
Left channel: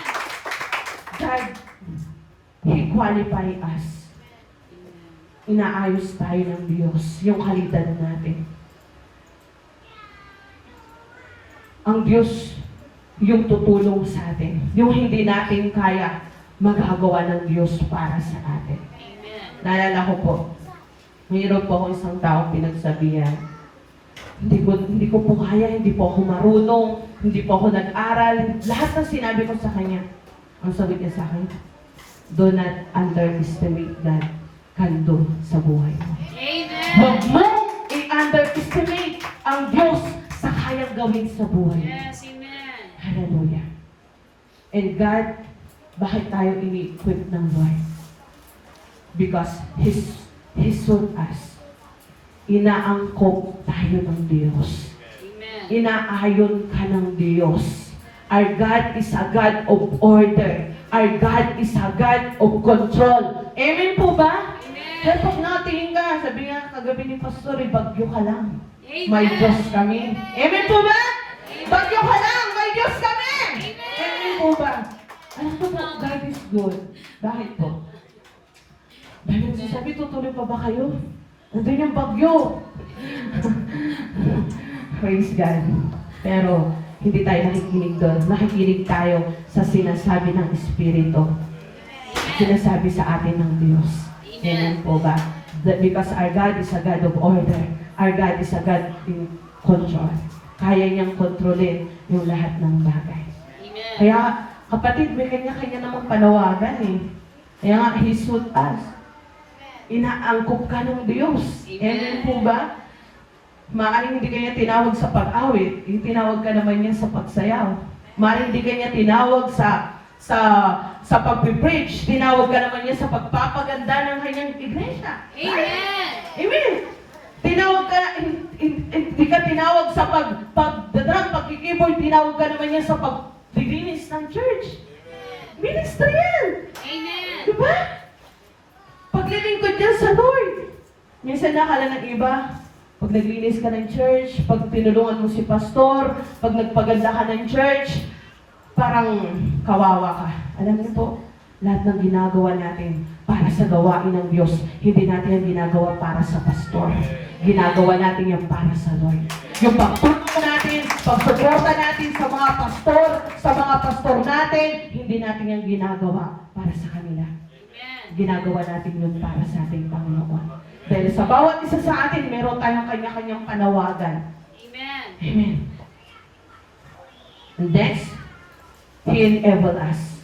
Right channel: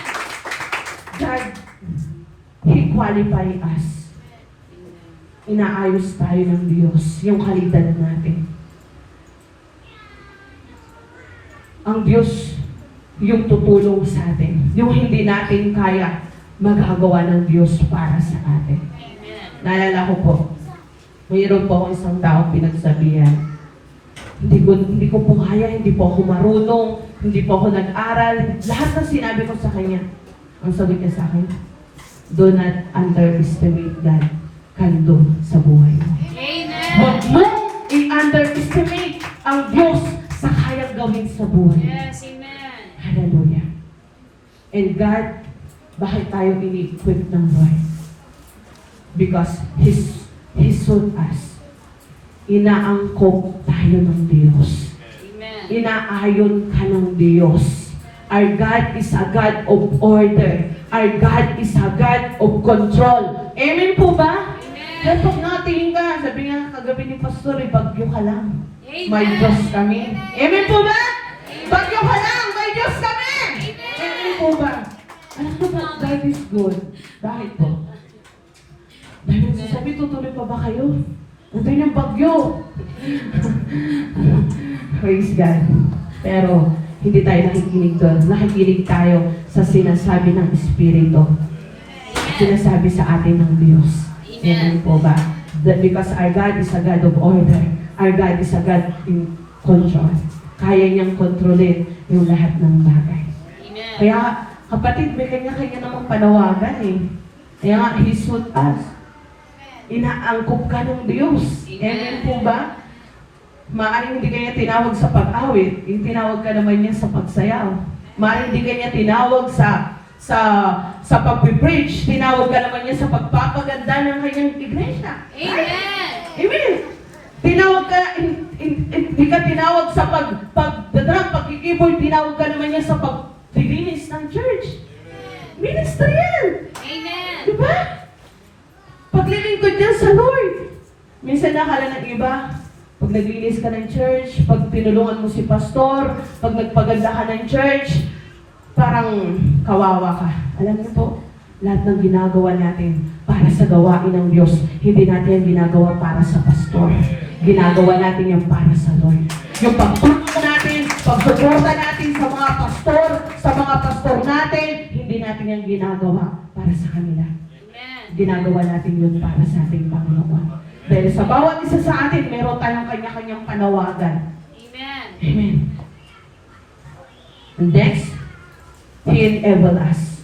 God, He qualify us. Inaayos tayo ng Diyos, yung kalidad natin. Ang Diyos, yung tutulong sa atin. Yung hindi natin kaya, magagawa ng Diyos para sa atin. Amen. Naalala ko po, mayroon po akong isang taong pinagsabihan. Hindi ko po kaya, hindi po ako marunong, hindi po ako nag-aral. Lahat ng sinabi ko sa kanya, ang sabi niya sa akin, do not underestimate God can do sa buhay mo. Amen. Huwag mo i-underestimate ang Diyos sa kayang gawin sa buhay. Yes, amen. Hallelujah. And God, bakit tayo ini-equip ng Lord? Because He sought us. Inaangkop tayo ng Diyos. Amen. Inaayon ka ng Diyos. Our God is a God of order. Our God is a God of control. Amen po ba? Amen. Kaya pag nakatingin ka, sabi nga kagabi ni Pastor, bagyo ka lang. Amen. May Diyos kami. Amen po ba? Bagyo ka lang, may Diyos kami. Amen po ba? Ano po ba? God is good. Bakit po? Bakit sabi, tutuloy pa ba kayo? Nandun yung bagyo. Praise God. Pero, hindi tayo nakikinig doon. Nakikinig tayo sa sinasabi ng Espiritu. Sinasabi sa atin ng Diyos. Amen po ba? Because our God is a God of order. Our God is a God in control. Kaya niyang kontrolin yung lahat ng bagay. Amen. Kaya, kapatid, may kanya-kanya namang panawagan eh. Kaya nga, He sought us. Inaangkop ka ng Diyos. Amen po ba? Maaaring hindi kanya tinawag sa pag-awit, tinawag ka naman niya sa pagsayaw. Maaaring hindi kanya tinawag sa pag-preach, tinawag ka naman niya sa pagpapaganda ng kanyang iglesia. Amen. Amen. Tinawag ka, hindi ka tinawag sa pag-keyboard, tinawag ka naman niya sa pag-linis ng church. Ministry yan. Amen. Diba? Paglilingkod niya sa Lord. Minsan nakala ng iba, pag naglinis ka ng church, pag tinulungan mo si pastor, pag nagpaganda ka ng church, parang kawawa ka. Alam niyo po, lahat ng ginagawa natin para sa gawain ng Diyos, hindi natin yan ginagawa para sa pastor. Ginagawa natin yan para sa Lord. Yung pagtulong natin, pagsuporta natin sa mga pastor natin, hindi natin yan ginagawa para sa kanila. Amen. Ginagawa natin yun para sa ating Panginoon. Dahil sa bawat isa sa atin, meron tayong kanya-kanyang panawagan. Amen. Amen. And next, He enabled us.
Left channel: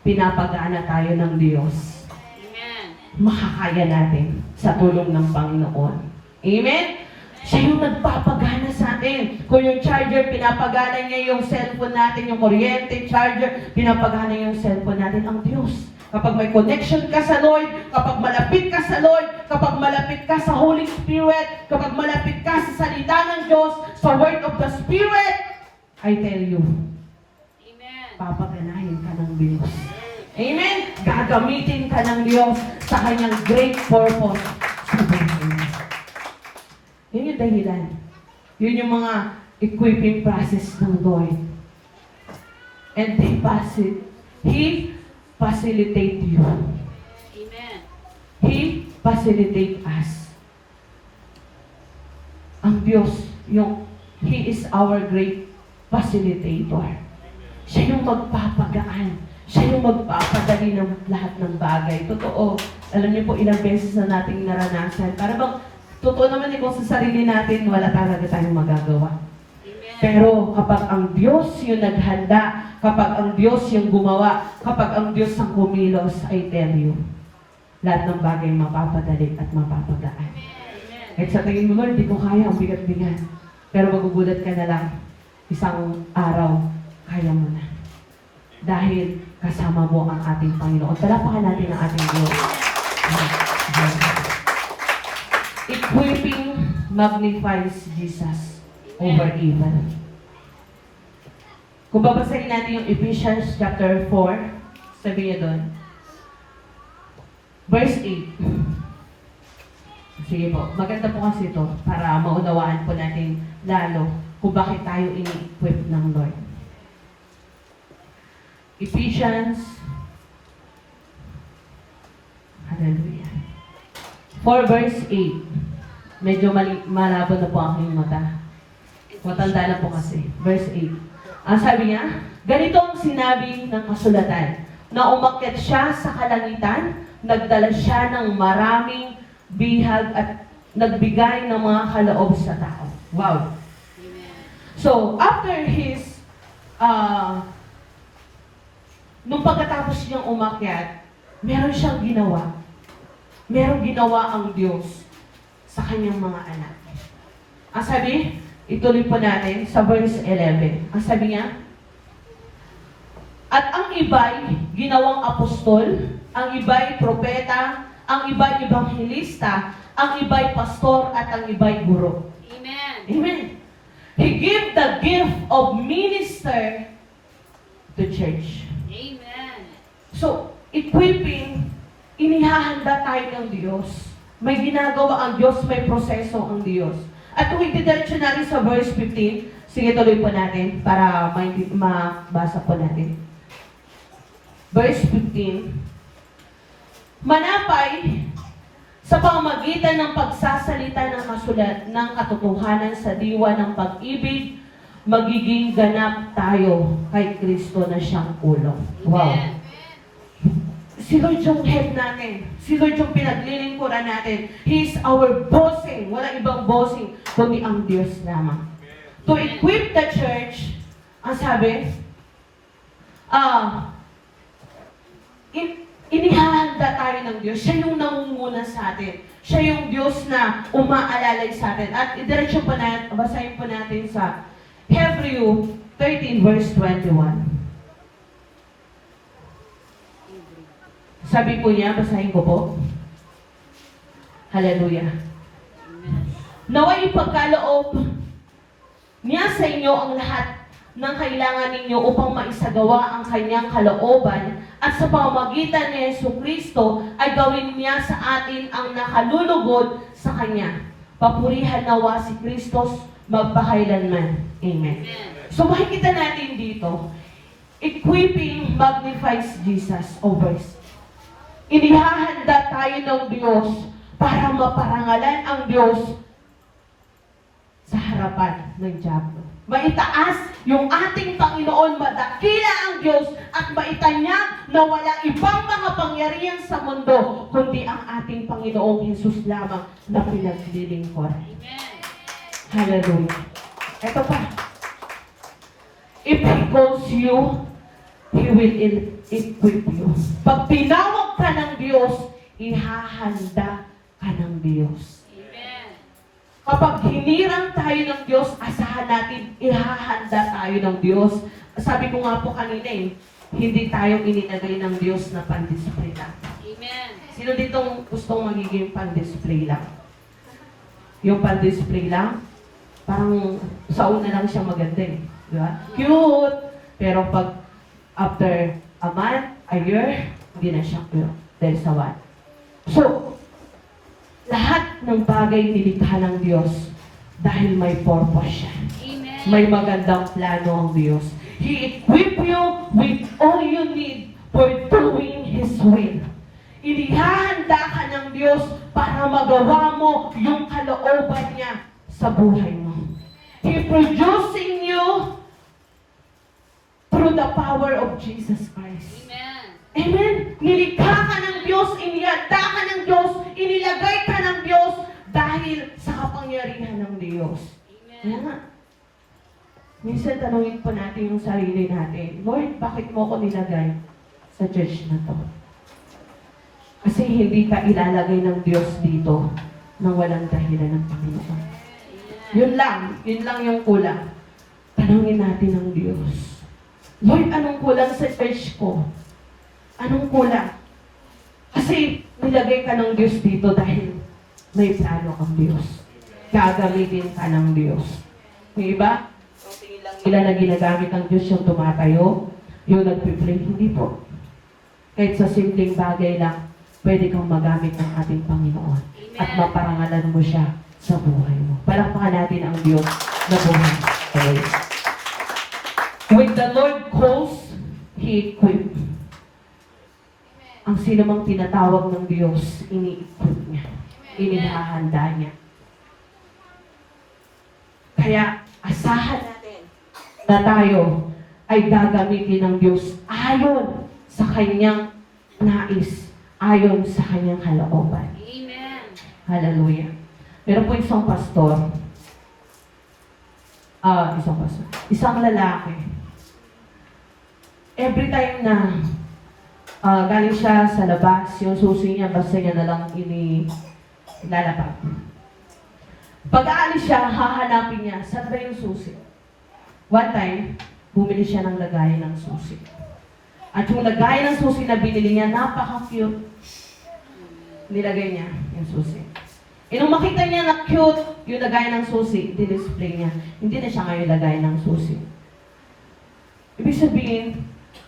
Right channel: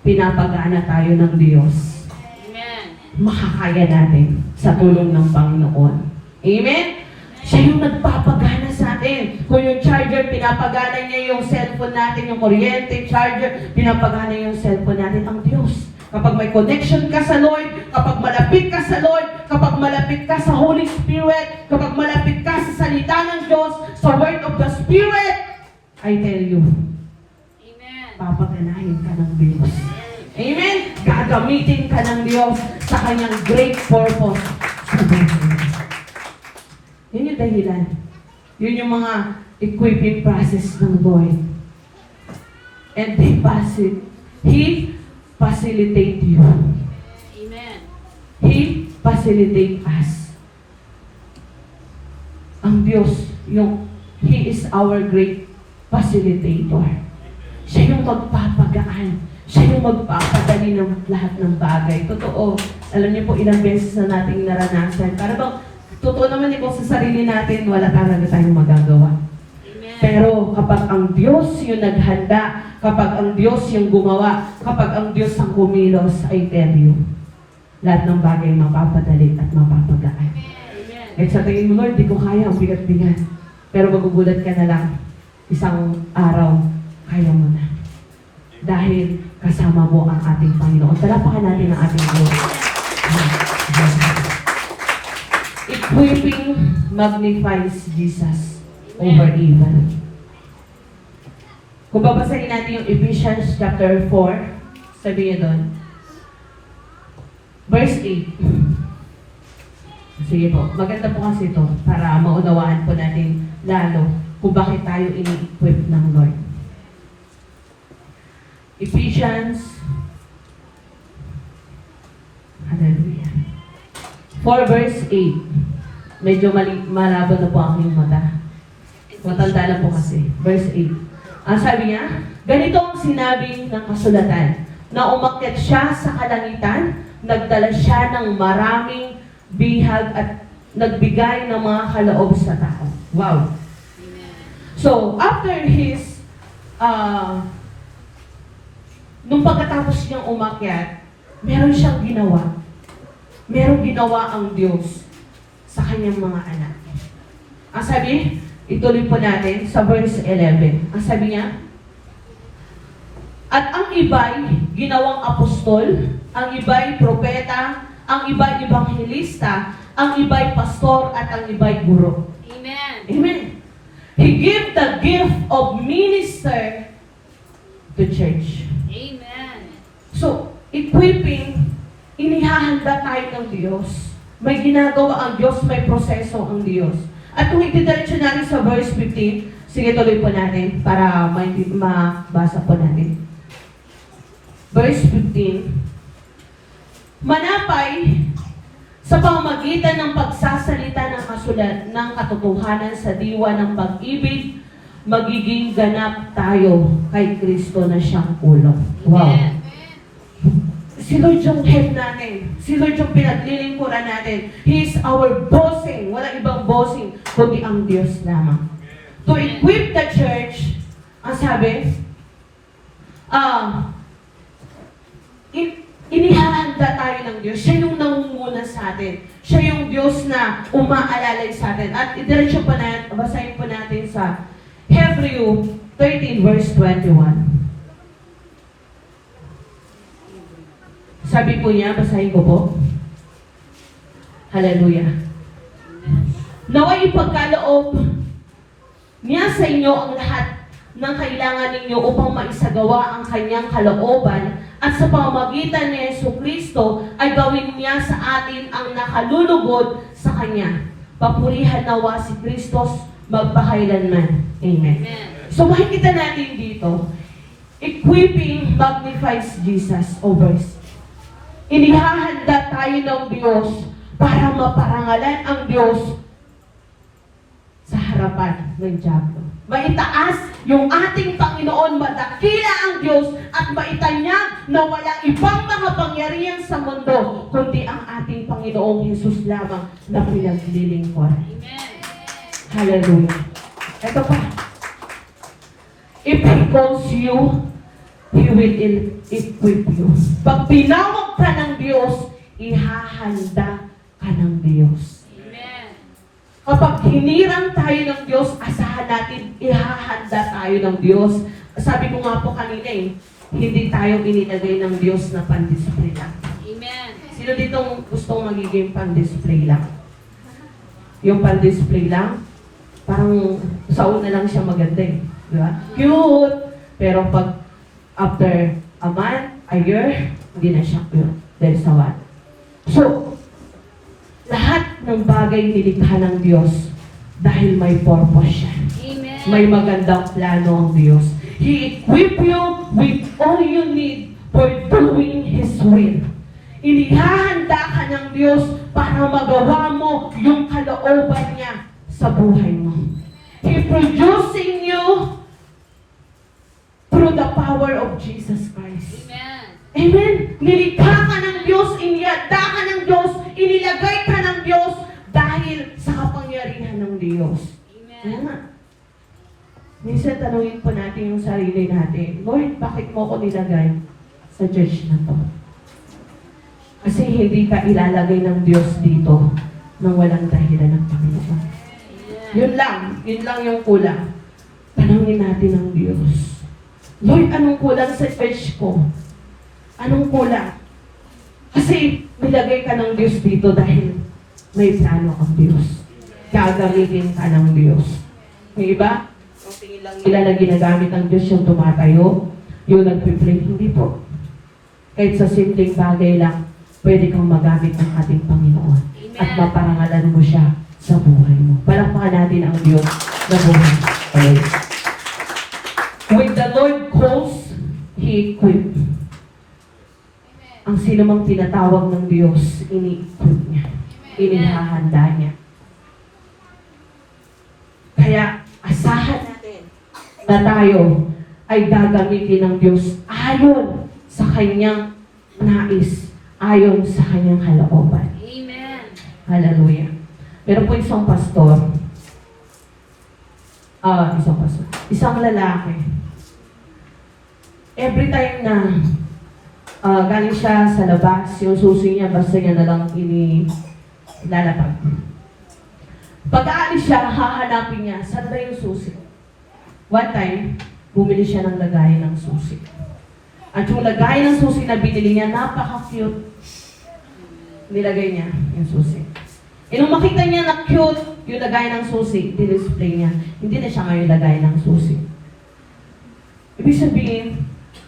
Pinapagana tayo ng Diyos. Amen. Makakaya natin sa tulong ng Panginoon. Amen? Siya yung nagpapagana sa atin. Kung yung charger, pinapagana niya yung cellphone natin, yung kuryente, charger, pinapagana niya yung cellphone natin, ang Diyos. Kapag may connection ka sa Lord, kapag malapit ka sa Lord, kapag malapit ka sa Holy Spirit, kapag malapit ka sa salita ng Diyos, sa word of the Spirit, I tell you, Amen. papaganahin ka ng Diyos. Amen? Gagamitin ka ng Diyos sa kanyang great purpose sa buhay mo. Yun yung dahilan. Yun yung mga equipping process ng Lord. And He facilitate you. Amen. He facilitate us. Ang Diyos, He is our great facilitator. Siya yung magpapagaan. Siya yung magpapadali ng lahat ng bagay. Totoo. Alam niyo po, ilang beses na nating naranasan. Para bang, totoo naman po sa sarili natin, wala talaga tayong magagawa. Pero kapag ang Diyos yung naghanda, kapag ang Diyos yung gumawa, kapag ang Diyos ang kumilos, I tell you, lahat ng bagay mapapadali at mapapagaan. At sa tingin mo, Lord, di ko kaya, ang bigat-bigat. Pero magugulat ka na lang, isang araw, kaya mo na. Dahil kasama mo ang ating Panginoon. Talapakan natin ang ating Lord. Equipping magnifies Jesus over evil. Kung babasahin natin yung Ephesians chapter 4, sabi niya doon, verse 8. Sige po, maganda po kasi ito para maunawaan po natin lalo kung bakit tayo ini-equip ng Lord. Ephesians, hallelujah, 4 verse 8. Medyo malabo na po ang inyong mata. Matanda na po kasi. Verse 8. Ang sabi niya, ganito ang sinabi ng kasulatan, na umakyat siya sa kalangitan, nagdala siya ng maraming bihag at nagbigay ng mga kaloob sa tao. Wow! So, after his, nung pagkatapos niyang umakyat, meron siyang ginawa. Merong ginawa ang Diyos sa kanyang mga anak. Ang sabi, ituloy po natin sa verse 11. Ang sabi niya, at ang iba'y ginawang apostol, ang iba'y propeta, ang iba'y evangelista, ang iba'y pastor, at ang iba'y guro. Amen. Amen. He gave the gift of minister to church. Amen. So, equipping, inihahanda tayo ng Diyos. May ginagawa ang Diyos, may proseso ang Diyos. At kung itidiretso natin sa verse 15, sige tuloy po natin para mabasa po natin. Verse 15, manapay sa pamamagitan ng pagsasalita ng kasulat ng katotohanan sa diwa ng pag-ibig, magiging ganap tayo kay Kristo na siyang ulo. Wow! Amen. Si Lord yung head natin. Si Lord yung pinaglilingkuran natin. He is our bossing. Walang ibang bossing, kundi ang Diyos lamang. To equip the church, ang sabi, inihahanda tayo ng Diyos. Siya yung nangunguna sa atin. Siya yung Diyos na umaalalay sa atin. At itiretso pa natin, basahin po natin sa Hebrew 13 verse 21. Sabi po niya, basahin ko po. Hallelujah. Naway ipagkaloob niya sa inyo ang lahat ng kailangan ninyo upang maisagawa ang kanyang kalooban at sa pamamagitan ni Jesucristo ay gawin niya sa atin ang nakalulugod sa kanya. Papurihan nawa si Kristos magpakailanman. Amen. Amen. So makikita natin dito, equipping magnifies Jesus over us. Inihahanda tayo ng Diyos para maparangalan ang Diyos sa harapan ng diablo. Maitaas yung ating Panginoon, madakila ang Diyos at maitanyag na walang ibang makapangyarihan sa mundo kundi ang ating Panginoong Jesus lamang na pinaglilingkuran. Amen. Hallelujah. Ito pa. If He calls you, He will equip you. Pag tinawag ka ng Diyos, ihahanda ka ng Diyos. Amen. Kapag hinirang tayo ng Diyos, asahan natin, ihahanda tayo ng Diyos. Sabi ko nga po kanina hindi tayo inilagay ng Diyos na pan-display lang. Amen. Sino dito gustong magiging pan-display lang? Yung pan-display lang, parang sa una lang siya maganda Di ba? Cute! Pero pag after a month, a year, hindi na siya cute. Dahil sa what? So, lahat ng bagay nilikha ng Diyos dahil may purpose siya. Amen. May magandang plano ang Diyos. He equip you with all you need for doing His will. Inihahanda ka ng Diyos para magawa mo yung kalooban niya sa buhay mo. He producing you through the power of Jesus Christ. Amen. Amen. Nilikha ka ng Diyos, inihanda ka ng Diyos, inilagay ka ng Diyos dahil sa kapangyarihan ng Diyos. Kaya Amen. nga, minsan tanungin po natin yung sarili natin, Lord, bakit mo ako nilagay sa church na to? Kasi hindi ka ilalagay ng Diyos dito nang walang dahilan ng Panginoon. Yun lang yung kulang. Tanungin natin ang Diyos. Lord, anong kulang sa church ko? Anong kulang? Kasi nilagay ka ng Diyos dito dahil may plano ang Diyos. Gagamitin ka ng Diyos. Yung iba, ang tingin lang nila na ginagamit ng Diyos yung tumatayo, yung nagpipray, hindi po. Kahit sa simpleng bagay lang, pwede kang magamit ng ating Panginoon. at maparangalan mo siya sa buhay mo. Palakpakan natin ang Diyos na buhay. Okay. When the Lord calls, He equips. Ang sino mang tinatawag ng Diyos, ini-equip niya. Inihahanda niya. Kaya, asahan natin na tayo ay gagamitin ng Diyos ayon sa kanyang nais, ayon sa kanyang kalooban. Amen. Hallelujah. Pero po isang pastor, isang lalaki, every time na galing siya sa labas, yung susi niya, basta niya na lang inilalapag. Pag-aalis siya, hahanapin niya, saan ba yung susi? One time, bumili siya ng lagayan ng susi. At yung lagayan ng susi na binili niya, napaka-cute. Nilagay niya yung susi. E nung makita niya na cute yung lagayan ng susi, display niya. Hindi na siya ngayon lagayan ng susi. Ibig sabihin,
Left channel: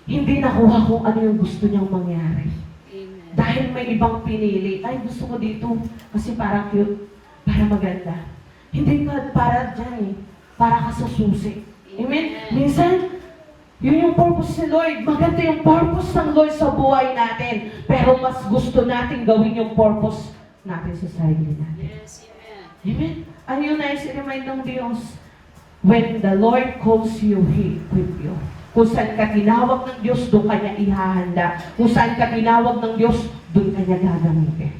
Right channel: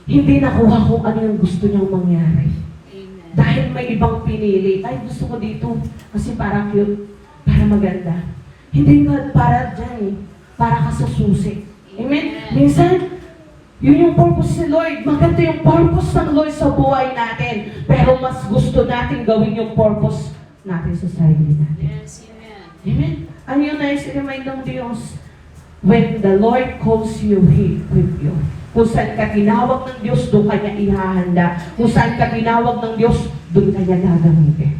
hindi nakuha kung ano yung gusto niyang mangyari. Amen. Dahil may ibang pinili. Ay, gusto ko dito kasi parang cute, para maganda. Hindi ka para dyan eh. Para ka sa susi. Amen? Minsan, yun yung purpose ni Lord. Maganda yung purpose ng Lord sa buhay natin. Pero mas gusto natin gawin yung purpose natin sa sarili natin. Yes, amen. Amen? Ano yung nais-remind ng Diyos? When the Lord calls you, He equip you. Kung saan ka tinawag ng Diyos, doon kanya ihahanda. Kung saan ka tinawag ng Diyos, doon kanya gagamitin.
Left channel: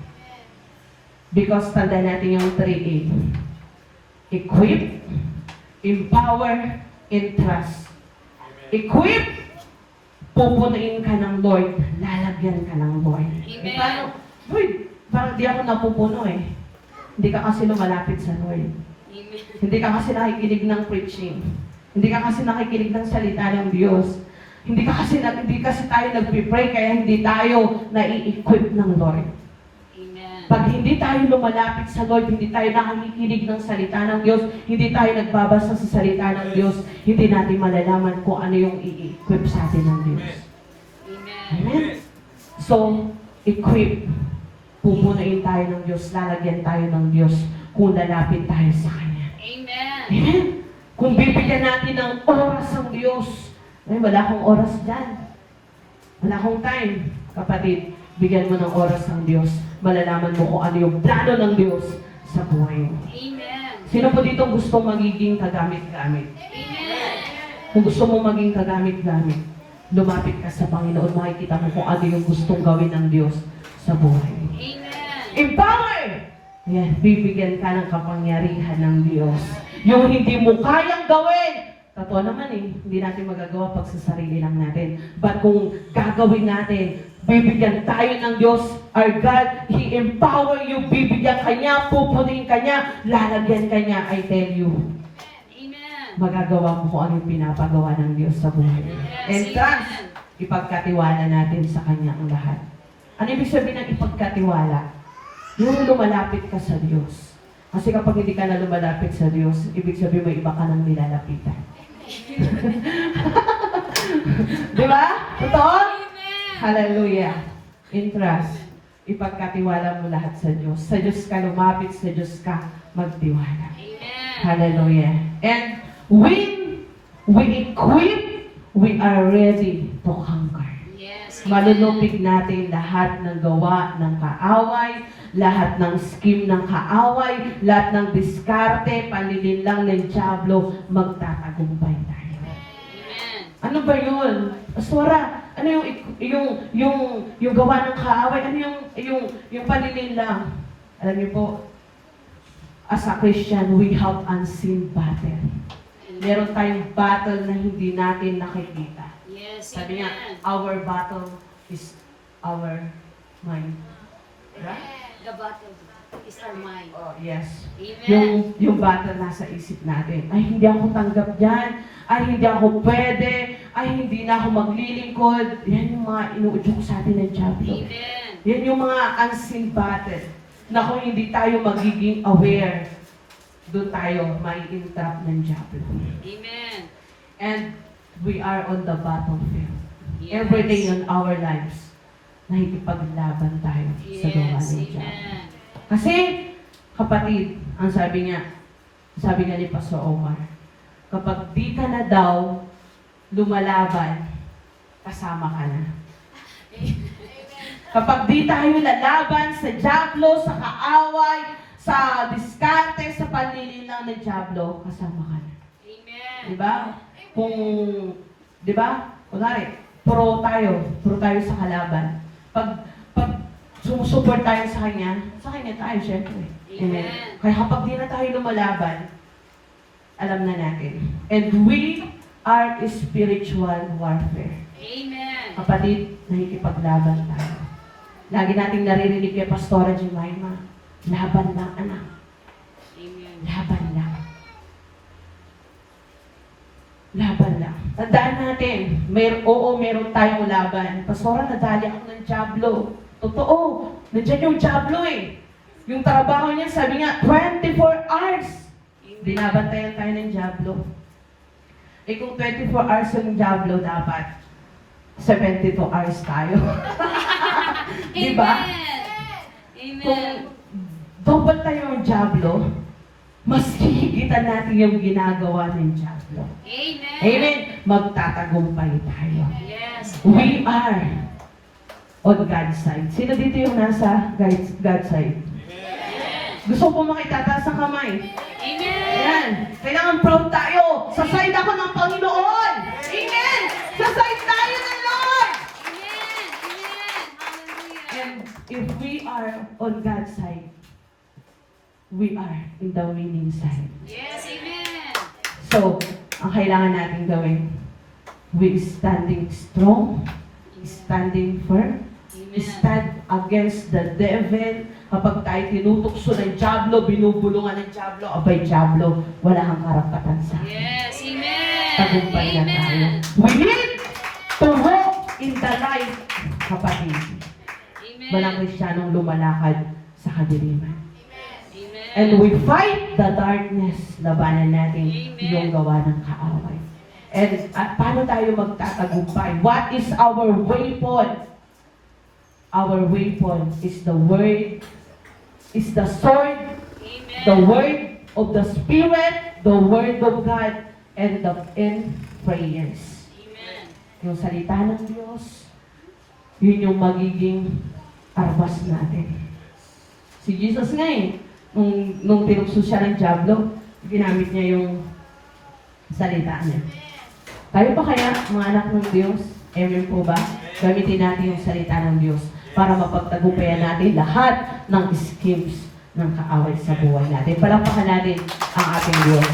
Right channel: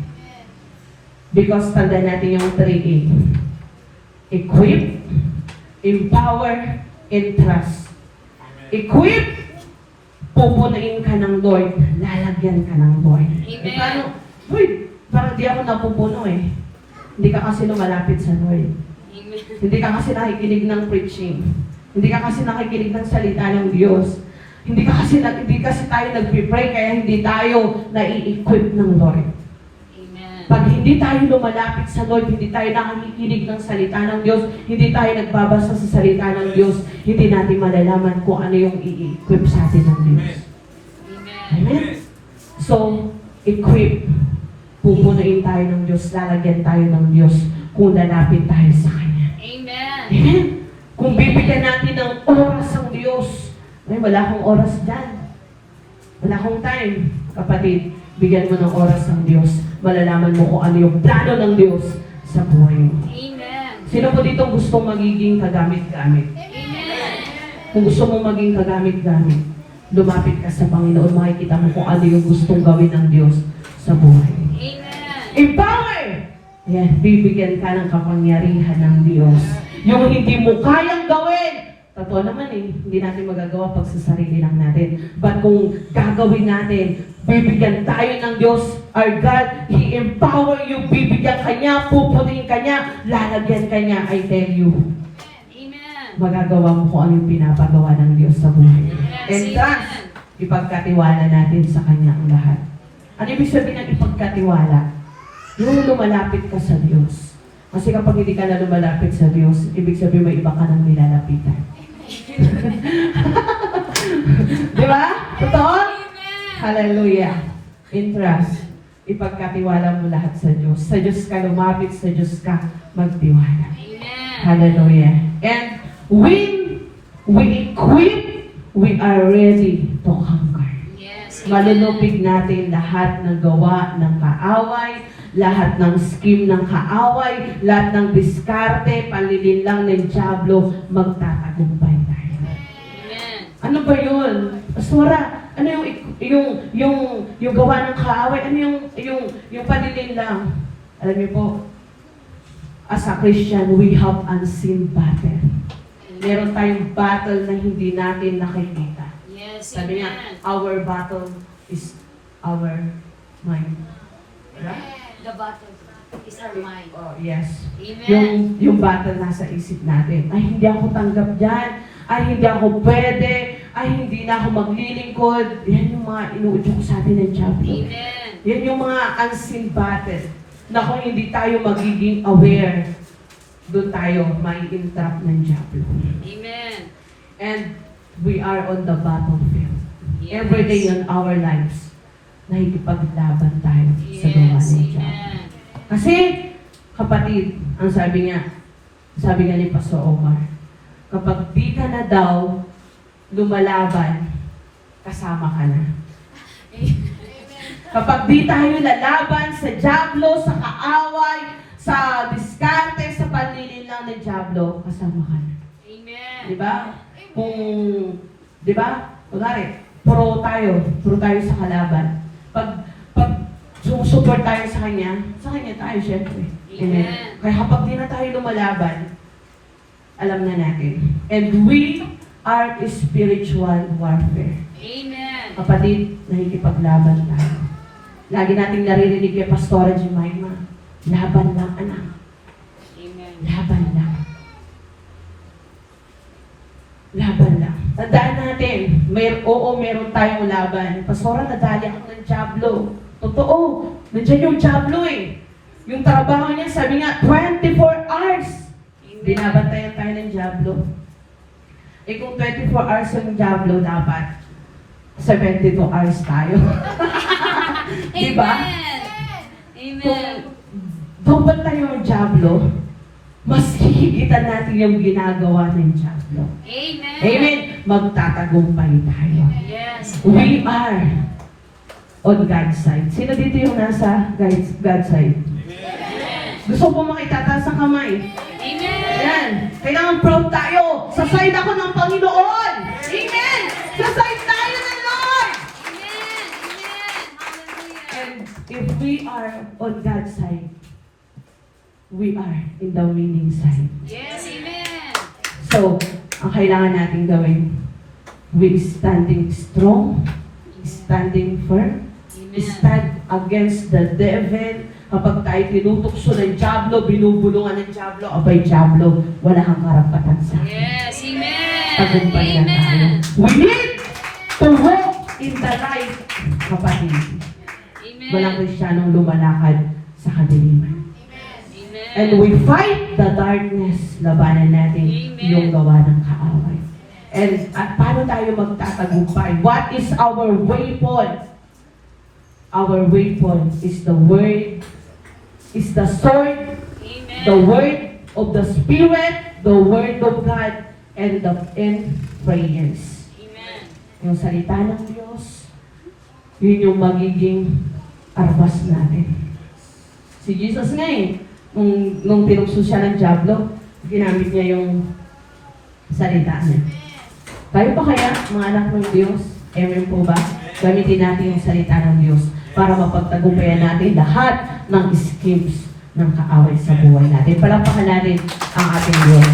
Because tanda natin yung 3A. Equip, empower, and trust. Equip, pupunuin ka ng Lord, lalagyan ka ng Lord. Amen. Paano? Wait, parang di ako napupuno eh. Hindi ka kasi lumalapit sa Lord. Amen. Hindi ka kasi nakikinig ng preaching. Hindi ka kasi nakikinig ng salita ng Diyos. Hindi kasi tayo nagpipray, kaya hindi tayo nai-equip ng Lord. Amen. Pag hindi tayo lumalapit sa Lord, hindi tayo nakikinig ng salita ng Diyos, hindi tayo nagbabasa sa salita ng Diyos, hindi natin malalaman kung ano yung i-equip sa atin ng Diyos. Amen. Amen? So, equip. Pupunuin tayo ng Diyos, lalagyan tayo ng Diyos kung lalapit tayo sa Kanya. Amen. Amen? Kung bibigyan natin ng oras ang Diyos, wala akong oras dyan. Wala akong time. Kapatid, bigyan mo ng oras ang Diyos. Malalaman mo kung ano yung plano ng Diyos sa buhay mo. Amen. Sino po dito gustong magiging kagamit-gamit? Amen. Kung gusto mong maging kagamit-gamit, lumapit ka sa Panginoon, makikita mo kung ano yung gustong gawin ng Diyos sa buhay. Amen. Empower! Yan, bibigyan ka ng kapangyarihan ng Diyos. Yung hindi mo kayang gawin, totoo naman eh, hindi natin magagawa pag sa sarili lang natin. But kung gagawin natin, bibigyan tayo ng Diyos, our God, He empower you, bibigyan ka niya, pupunin ka niya, lalagyan ka niya, I tell you, Amen. magagawa mo kung ano yung pinapagawa ng Diyos sa buhay. And trust, ipagkatiwala natin sa Kanya ang lahat. Ano ibig sabihin ng ipagkatiwala? Yung lumalapit ka sa Diyos. Kasi kapag hindi ka na lumalapit sa Diyos, ibig sabihin may iba ka nang nilalapitan. Di ba? Totoo? Hallelujah. In trust, ipagkatiwala mo lahat sa Diyos. Sa Diyos ka lumapit, sa Diyos ka magtiwala. Amen. Hallelujah. And when we equip, we are ready to conquer. Yes. Malulupig natin lahat ng gawa ng kaaway, lahat ng scheme ng kaaway, lahat ng diskarte, panlilinlang ng dyablo, magtatagumpay tayo. Amen. Ano ba yun? Pastora, ano yung gawa ng kaaway? Ano yung panlilinlang? Alam niyo po, as a Christian, we have unseen battle. Meron tayong battle na hindi natin nakikita. Yes. Sabi nga, Amen. our battle is our mind. The battle is our mind. Oh, yes. Amen. Yung battle nasa isip natin. Ay, hindi ako tanggap dyan. Ay, hindi ako pwede. Ay, hindi na ako maglilingkod. Yan yung mga inuudyok sa atin ng Diablo. Amen. Yan yung mga unseen battle. Na kung hindi tayo magiging aware, doon tayo may entrap ng Diablo. Amen. And we are on the battlefield. Every day in our lives, nakikipaglaban tayo sa gawa Yes. ng Diablo. Amen. Kasi, kapatid, ang sabi nga ni Pastor Omar, kapag di ka na daw lumalaban, kasama ka na. Kapag di tayo lalaban sa diablo, sa kaaway, sa diskarte, sa panlilin lang ng diablo, kasama ka na. Amen. Di ba? Di ba? Kunwari, pro tayo sa kalaban. Pag support tayo sa kanya tayo, syempre. Amen. Kaya kapag di na tayo lumalaban, alam na natin. And we are spiritual warfare. Amen. Kapatid, nakikipaglaban tayo. Lagi nating naririnig kay Pastora Jemima, laban lang, anak. Amen. Laban lang. Laban lang. Tandaan natin, meron tayong laban. Pastora, nadali ako ng diablo. Totoo, nandiyan yung diablo eh. Yung trabaho niya, sabi nga, 24 hours. Binabantayan tayo ng diablo. Eh kung 24 hours yung diablo, dapat 72 hours tayo. Diba? Amen. Kung double tayo yung diablo, mas hihigitan natin yung ginagawa ng diablo. Amen. Amen. Magtatagumpay tayo. Yes. We are on God's side. Sino dito yung nasa God's side? Gusto mo makitataas sa kamay? Amen. Ayan. Kailangan proud tayo. Sa side ako ng Panginoon. Amen. Sa side tayo ng Lord. And if we are on God's side, we are in the winning side. Yes, amen. So, ang kailangan natin gawin, we standing strong, standing firm, stand against the devil. Kapag tayo tinutokso ng diablo, binubulungan ng diablo, abay diablo, wala kang karapatan sa akin. Yes, amen. Tagumpay na tayo. We need to walk in the light, kapatid. Amen. Walang Kristiyanong lumalakad sa kadiliman. Amen. And we fight the darkness. Labanan natin yung gawa ng kaaway. And paano tayo magtatagumpay? What is our weapon? Our weapon is the word, is the sword, Amen. the word of the Spirit, the word of God, and prayers. Amen. Yung salita ng Diyos, yun yung magiging armas natin. Si Jesus nga eh, nung tinukso siya ng diablo, ginamit niya yung salita niya. Tayo pa kaya, mga anak ng Diyos, amen po ba? Gamitin natin yung salita ng Diyos para mapagtagumpayan natin lahat ng schemes ng kaaway sa buhay natin. Palampakan natin ang ating Diyos.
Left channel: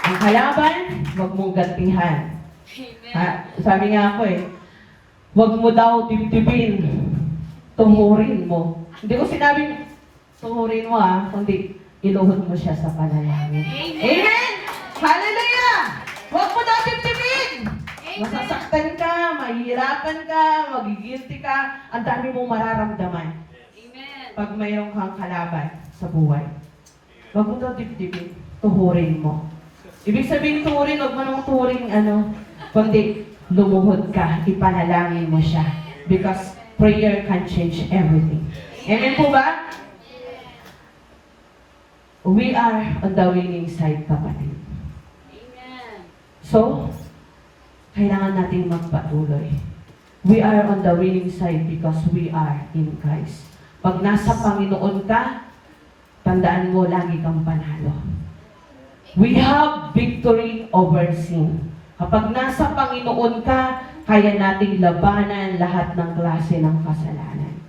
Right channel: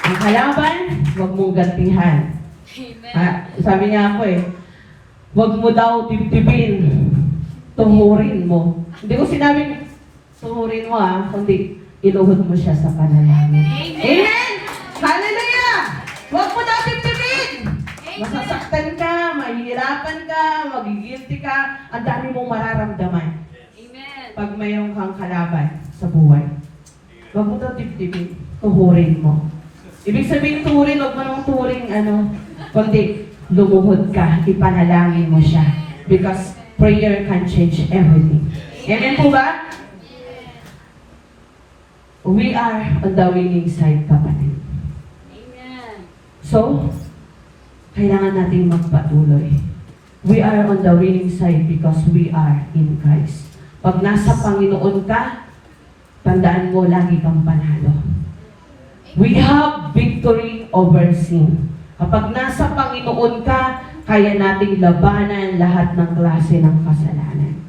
Ang kalaban, huwag mong gantihan. Amen. Sabi nga ako eh, huwag mo daw dibdibin, tumurin mo. Hindi ko sinabing tumurin mo kundi inuhod mo siya sa panalangin. Amen! Hallelujah! Huwag mo daw dibdibin! Masasaktan ka, mahihirapan ka, magigilty ka, ang dami mong mararamdaman Amen. pag mayroon kang kalaban sa buhay. Huwag mo daw dibdibin, tuhurin mo. Ibig sabihin tuhurin, huwag mo nang tuhurin, kundi lumuhod ka, ipanalangin mo siya. Because prayer can change everything. Amen po ba? We are on the winning side, kapatid. Amen. So, kailangan nating magpatuloy. We are on the winning side because we are in Christ. Pag nasa Panginoon ka, tandaan mo, lagi kang panalo. We have victory over sin. Kapag nasa Panginoon ka, kaya nating labanan lahat ng klase ng kasalanan.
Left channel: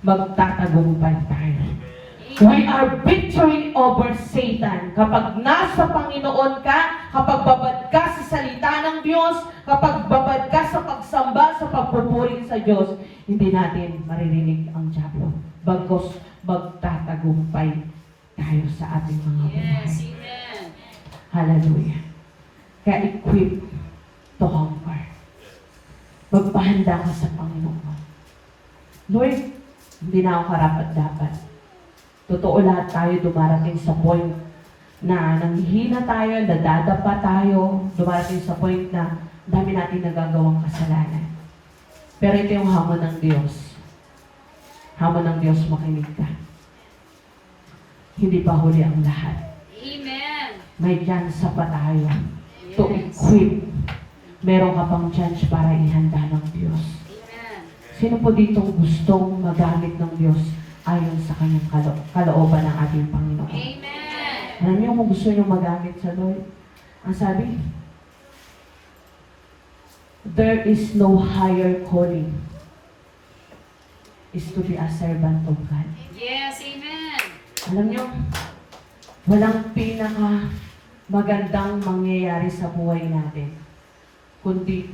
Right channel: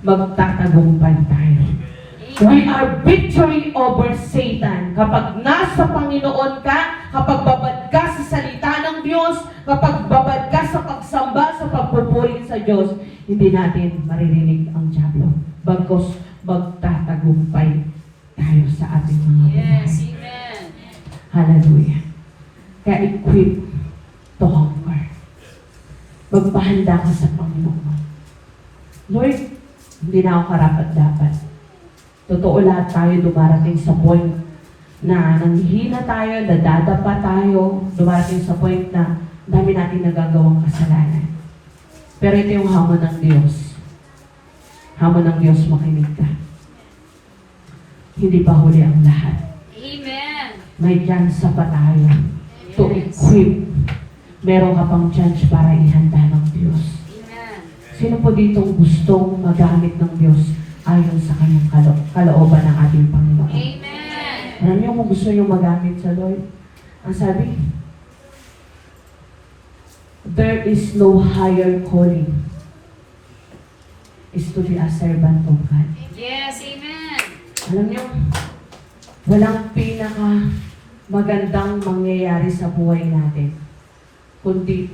Magtatagumpay tayo. We are victory over Satan. Kapag nasa Panginoon ka, kapag babad ka sa salita ng Diyos, kapag babad ka sa pagsamba, sa pagpupuri sa Diyos, hindi natin maririnig ang diablo. Bagkos magtatagumpay tayo sa ating mga buhay. Yes, amen. Hallelujah. Kaya equip to hunger. Magpahanda ka sa Panginoon. Lord, hindi na ako karapat-dapat. Totoo, lahat tayo dumarating sa point na nanghihina tayo, dadadapa tayo, dumarating sa point na dami natin nagagawang kasalanan. Pero ito yung hamon ng Diyos. Ama ng Diyos, makinig ka. Hindi pa huli ang lahat. Amen. May chance pa tayo to equip. Meron ka pang chance para ihanda ng Diyos. Amen. Sino po dito gustong magamit ng Diyos ayon sa kanyang kalooban ng ating Panginoon? Amen. Alam niyo kung gusto niyo magamit sa Lord? Ang sabi, there is no higher calling is to be a servant of God. Yes, amen. Alam niyo, walang pinaka magandang mangyayari sa buhay natin kundi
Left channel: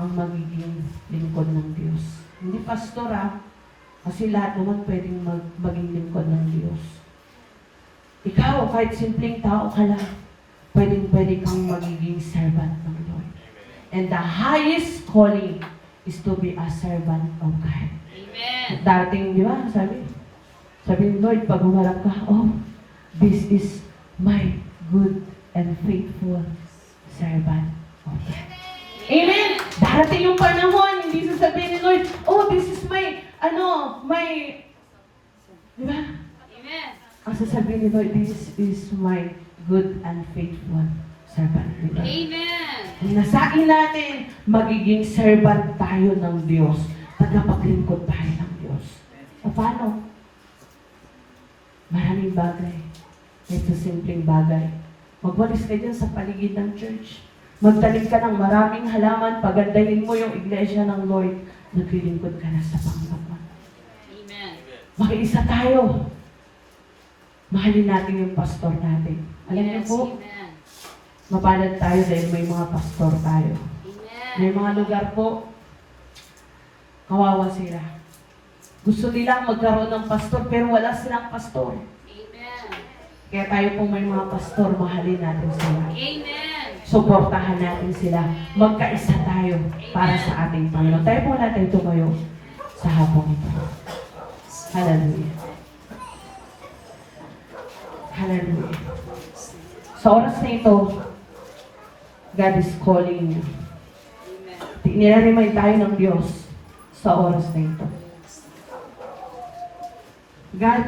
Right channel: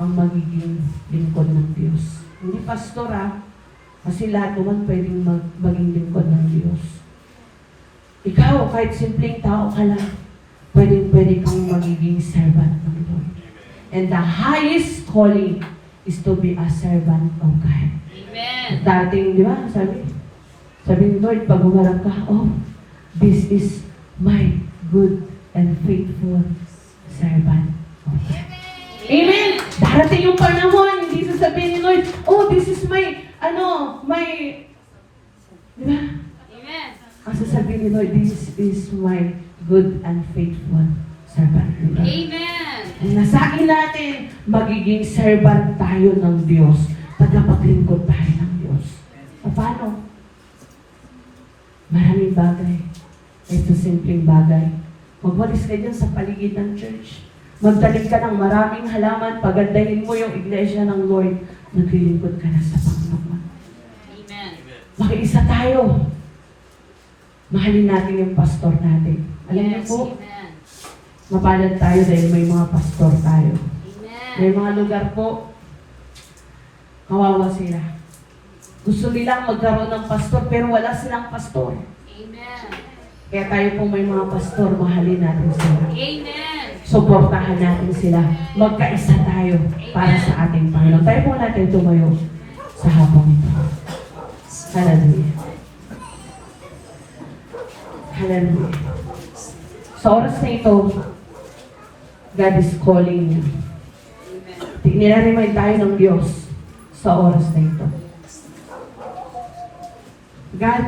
ang magiging lingkod ng Diyos. Hindi pastor kasi lahat naman pwedeng maging lingkod ng Diyos. Ikaw, kahit simpleng tao ka lang, pwede kang magiging servant ng Lord. And the highest calling is to be a servant of God. Amen. Dating, di ba, sabi ni Lord, pag humarap ka, oh, this is my good and faithful servant. Amen! Darating yung panahon, hindi sasabihin ni Lord, oh, this is my, di ba? Amen. Kasi sabihin ni Lord, this is my good and faithful servant. Diba? Amen. Ang nasain natin, magiging servant tayo ng Diyos. Tagapaglingkod tayo ng Diyos. Paano? Maraming bagay. Ito simpleng bagay. Magwalis ka dyan sa paligid ng church. Magtanim ka ng maraming halaman. Pagandahin mo yung iglesia ng Lord. Naglilingkod ka na sa Panginoon. Amen. Makiisa tayo. Mahalin natin yung pastor natin. Alam niyo Yes, po, amen. mapalad tayo dahil may mga pastor tayo. May Amen. mga lugar po, kawawa sila. Gusto nilang magkaroon ng pastor pero wala silang pastor. Amen. Kaya tayo po may mga pastor, mahalin natin sila. Amen. Suportahan natin sila. Magkaisa tayo para sa ating Panginoon. Tayo po natin tumayo sa hapong ito. Hallelujah. Hallelujah. Sa oras na ito, God is calling you. Nire-remind tayo ng Diyos sa oras na ito. God,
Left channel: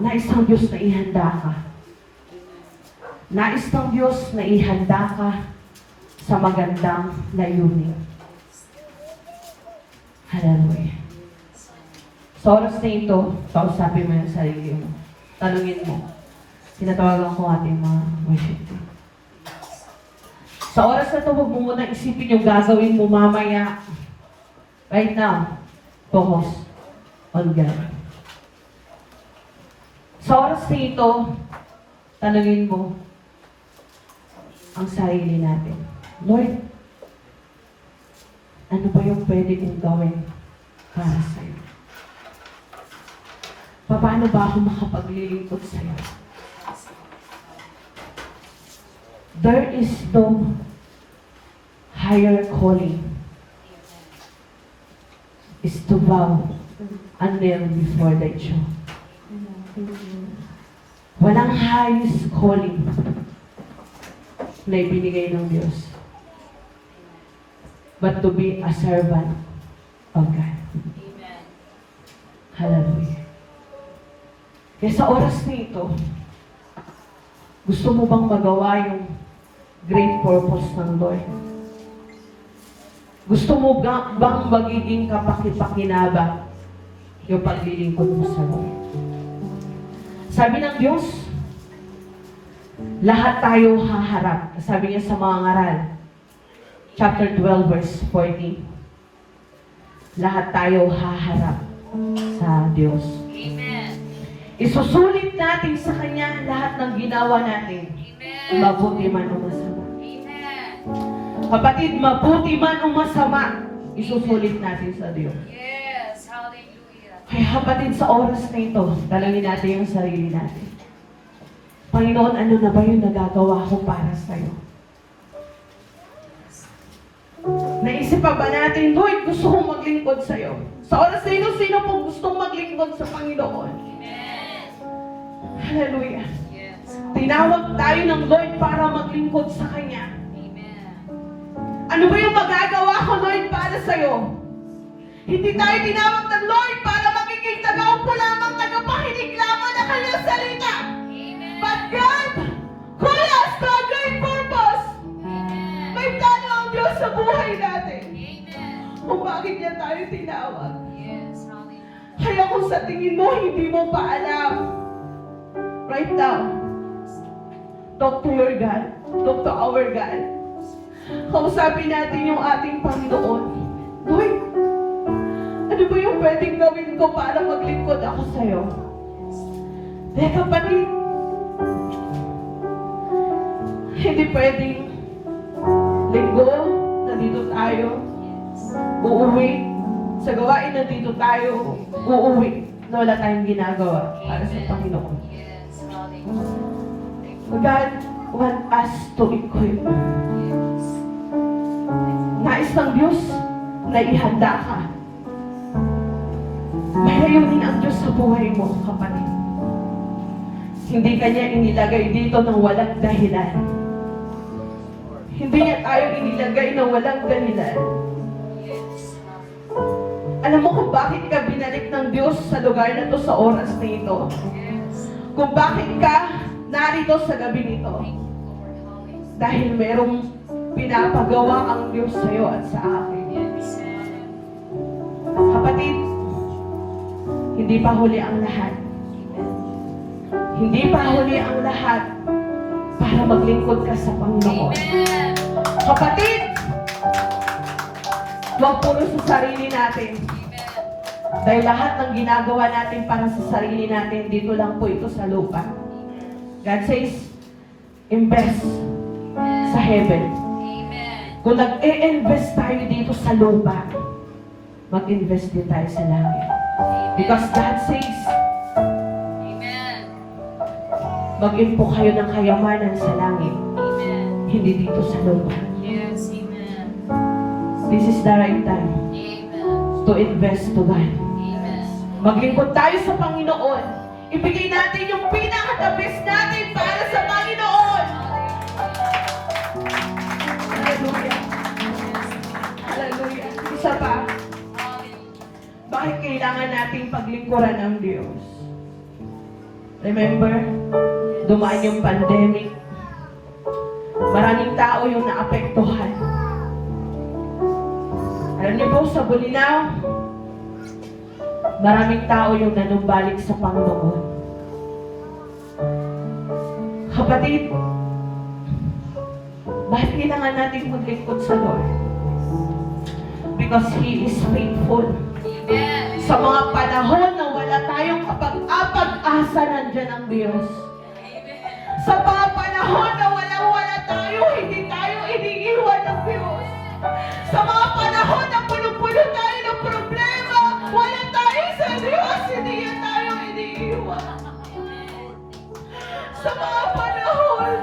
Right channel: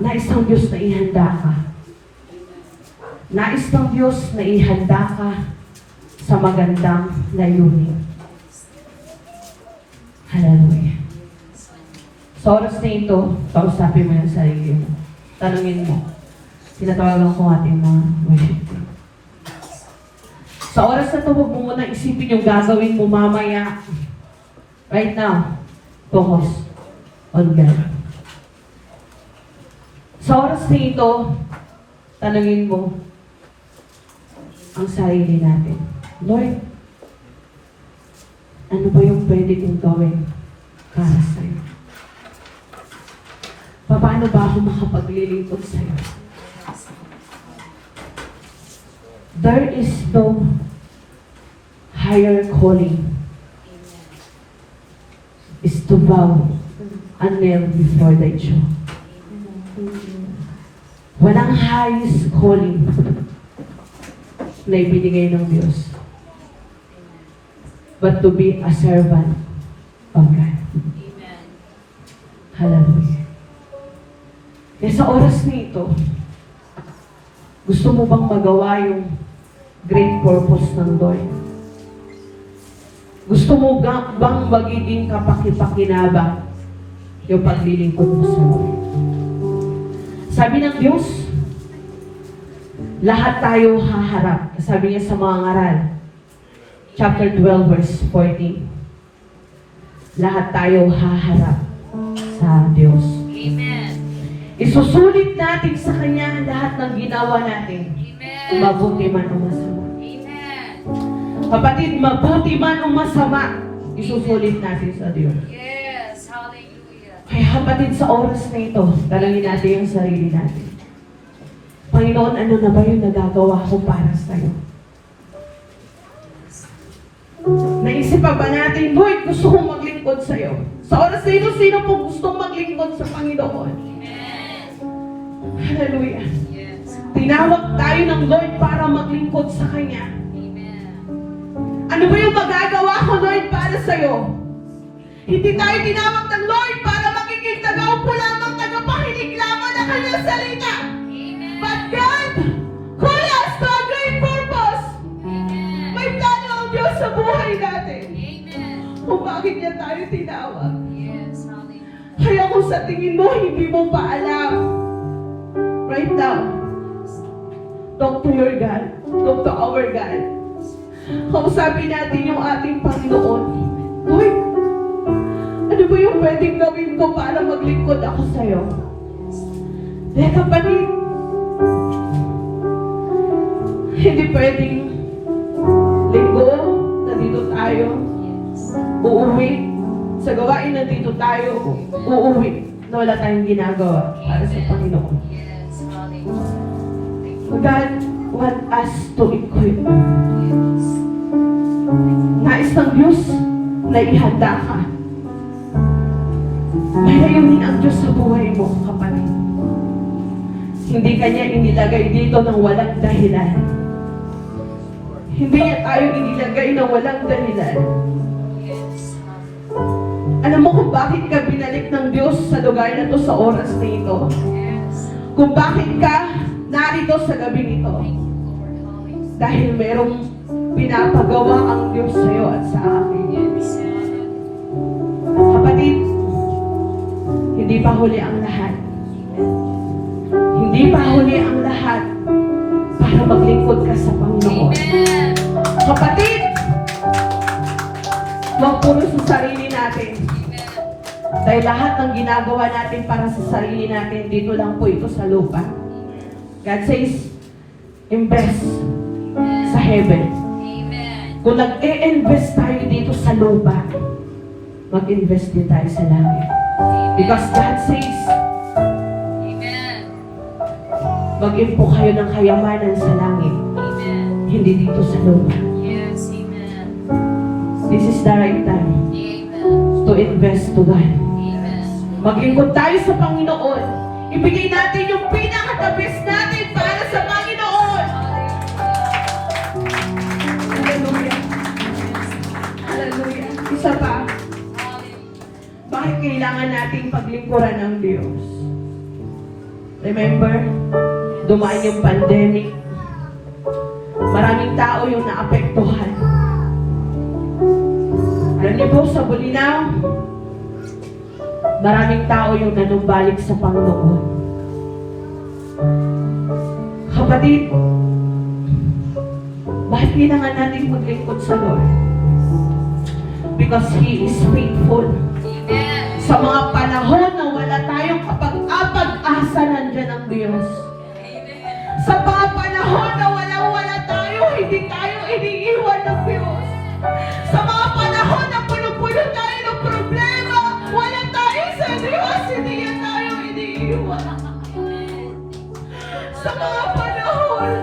nais ng Diyos na ihanda ka. Nais ng Diyos na ihanda ka sa magandang layunin. Hallelujah. Sa oras na ito, kausapin mo yung sarili mo. Tanungin mo. Tinatawagan ko ating mga worship. Sa oras na ito, huwag mo muna isipin yung gagawin mo mamaya. Right now, focus on God. Sa oras na ito, tanungin mo ang sarili natin. Lord, ano ba yung pwede kong gawin para sa'yo? Paano ba ako makapaglilingkod sa'yo? There is no higher calling is to bow a kneel before thy throne. Walang highest calling na ibinigay ng Diyos but to be a servant of God. Amen. Hallelujah. Kaya sa oras na ito, gusto mo bang magawa yung great purpose ng Lord? Gusto mo bang magiging kapaki-pakinabang yung paglilingkod mo sa Lord? Sabi ng Diyos, lahat tayo haharap. Sabi niya sa mga ngaral, chapter 12, verse 14. Lahat tayo haharap sa Diyos. Amen. Isusulit natin sa Kanya lahat ng ginawa natin. Amen. Mabuti man o masama. Amen. Kapatid, mabuti man o masama, isusulit natin sa Diyos. Yes. Hallelujah. Kaya kapatid, sa oras na ito, talangin natin yung sarili natin. Panginoon, ano na ba yung nagagawa ko para sa'yo? Naisip pa ba natin, Lord, gusto kong maglingkod sa'yo? Sa oras na ito, sino po gustong maglingkod sa Panginoon? Amen. Hallelujah. Yes. Tinawag tayo ng Lord para maglingkod sa Kanya. Amen. Ano ba yung magagawa ko, Lord, para sa'yo? Hindi tayo tinawag ng Lord para magiging tagaw po lamang tagapakinig lamang ng kanyang salita. But God call us to a great purpose. May plano ang Diyos sa buhay natin. Kung bakit niya tayo tinawag. Kaya kung sa tingin mo, hindi mo pa alam, right now, talk to your God. Talk to our God. Kausapin natin yung ating Panginoon. Lord, ano ba yung pwedeng gawin ko para maglingkod ako sa'yo? Dahil kapatid, hindi pwedeng linggo, nandito tayo, uuwi, sa gawain nandito tayo, uuwi, na wala tayong ginagawa para sa Panginoon. God want us to equip. Nais ng Diyos na ihanda ka. Pahayunin ang Diyos sa buhay mo, kapatid. Hindi kanya inilagay dito ng walang dahilan. Hindi niya tayo inilagay ng walang dahilan. Alam mo kung bakit ka binalik ng Diyos sa lugar na to sa oras na ito? Kung bakit ka narito sa gabi ito? Dahil merong pinapagawa ang Diyos sa iyo at sa akin. Kapatid, hindi pa huli ang lahat. Hindi pa huli ang lahat para maglingkod ka sa Panginoon. Kapatid, huwag puro sa sarili natin. Dahil lahat ng ginagawa natin para sa sarili natin, dito lang po ito sa lupa. God says, invest sa heaven. Kung nag-e-invest tayo dito sa lupa, mag-invest din tayo sa langit. Because God says, mag-impo kayo ng kayamanan sa langit, hindi dito sa lupa. This is the right time to invest to God. Mag-ingkod tayo sa Panginoon. Ibigay natin yung pinaka-the-best natin para sa Panginoon. Hallelujah. Hallelujah. Isa pa, bakit kailangan nating paglingkuran ng Diyos? Remember, dumaan yung pandemic. Maraming tao yung naapektuhan. Alam niyo po, sa Bulinaw, maraming tao yung nanumbalik sa Panginoon. Kapatid, bakit kailangan natin maglingkod sa Lord? Because He is faithful. Sa mga panahon na wala tayong kapag-apag-asa, nandiyan ang Diyos. Sa mga panahon na wala tayo, hindi tayo iniiwan ng Diyos. Sa mga panahon na puno-puno tayo ng problema, wala tayo sa Diyos, hindi niya tayo iniiwan. Sa mga panahon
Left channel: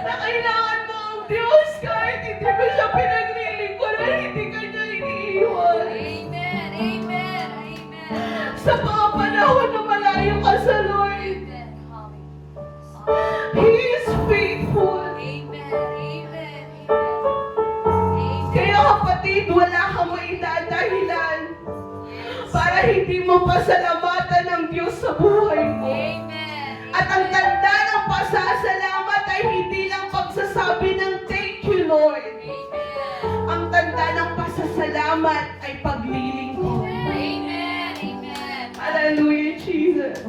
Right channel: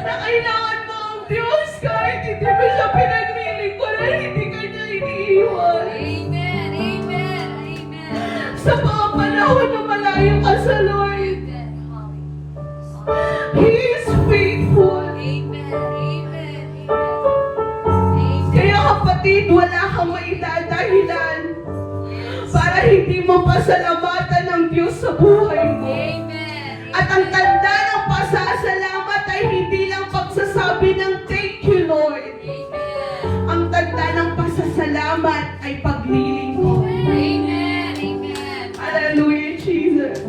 na kailangan mo ang Diyos kahit hindi mo siya pinaglilingkuran, hindi ka niya iniiwan. Sa mga panahon na malayo ka sa Lord, He is faithful. Kaya kapatid, wala kang maidadahilan para hindi mo pasalamatan ng Diyos sa buhay mo. At ang tanda ng pasasalamat ay hindi lang pagsasabi ng thank you, Lord. Ang tanda ng pasasalamat ay paglilingkod. Hallelujah, Jesus.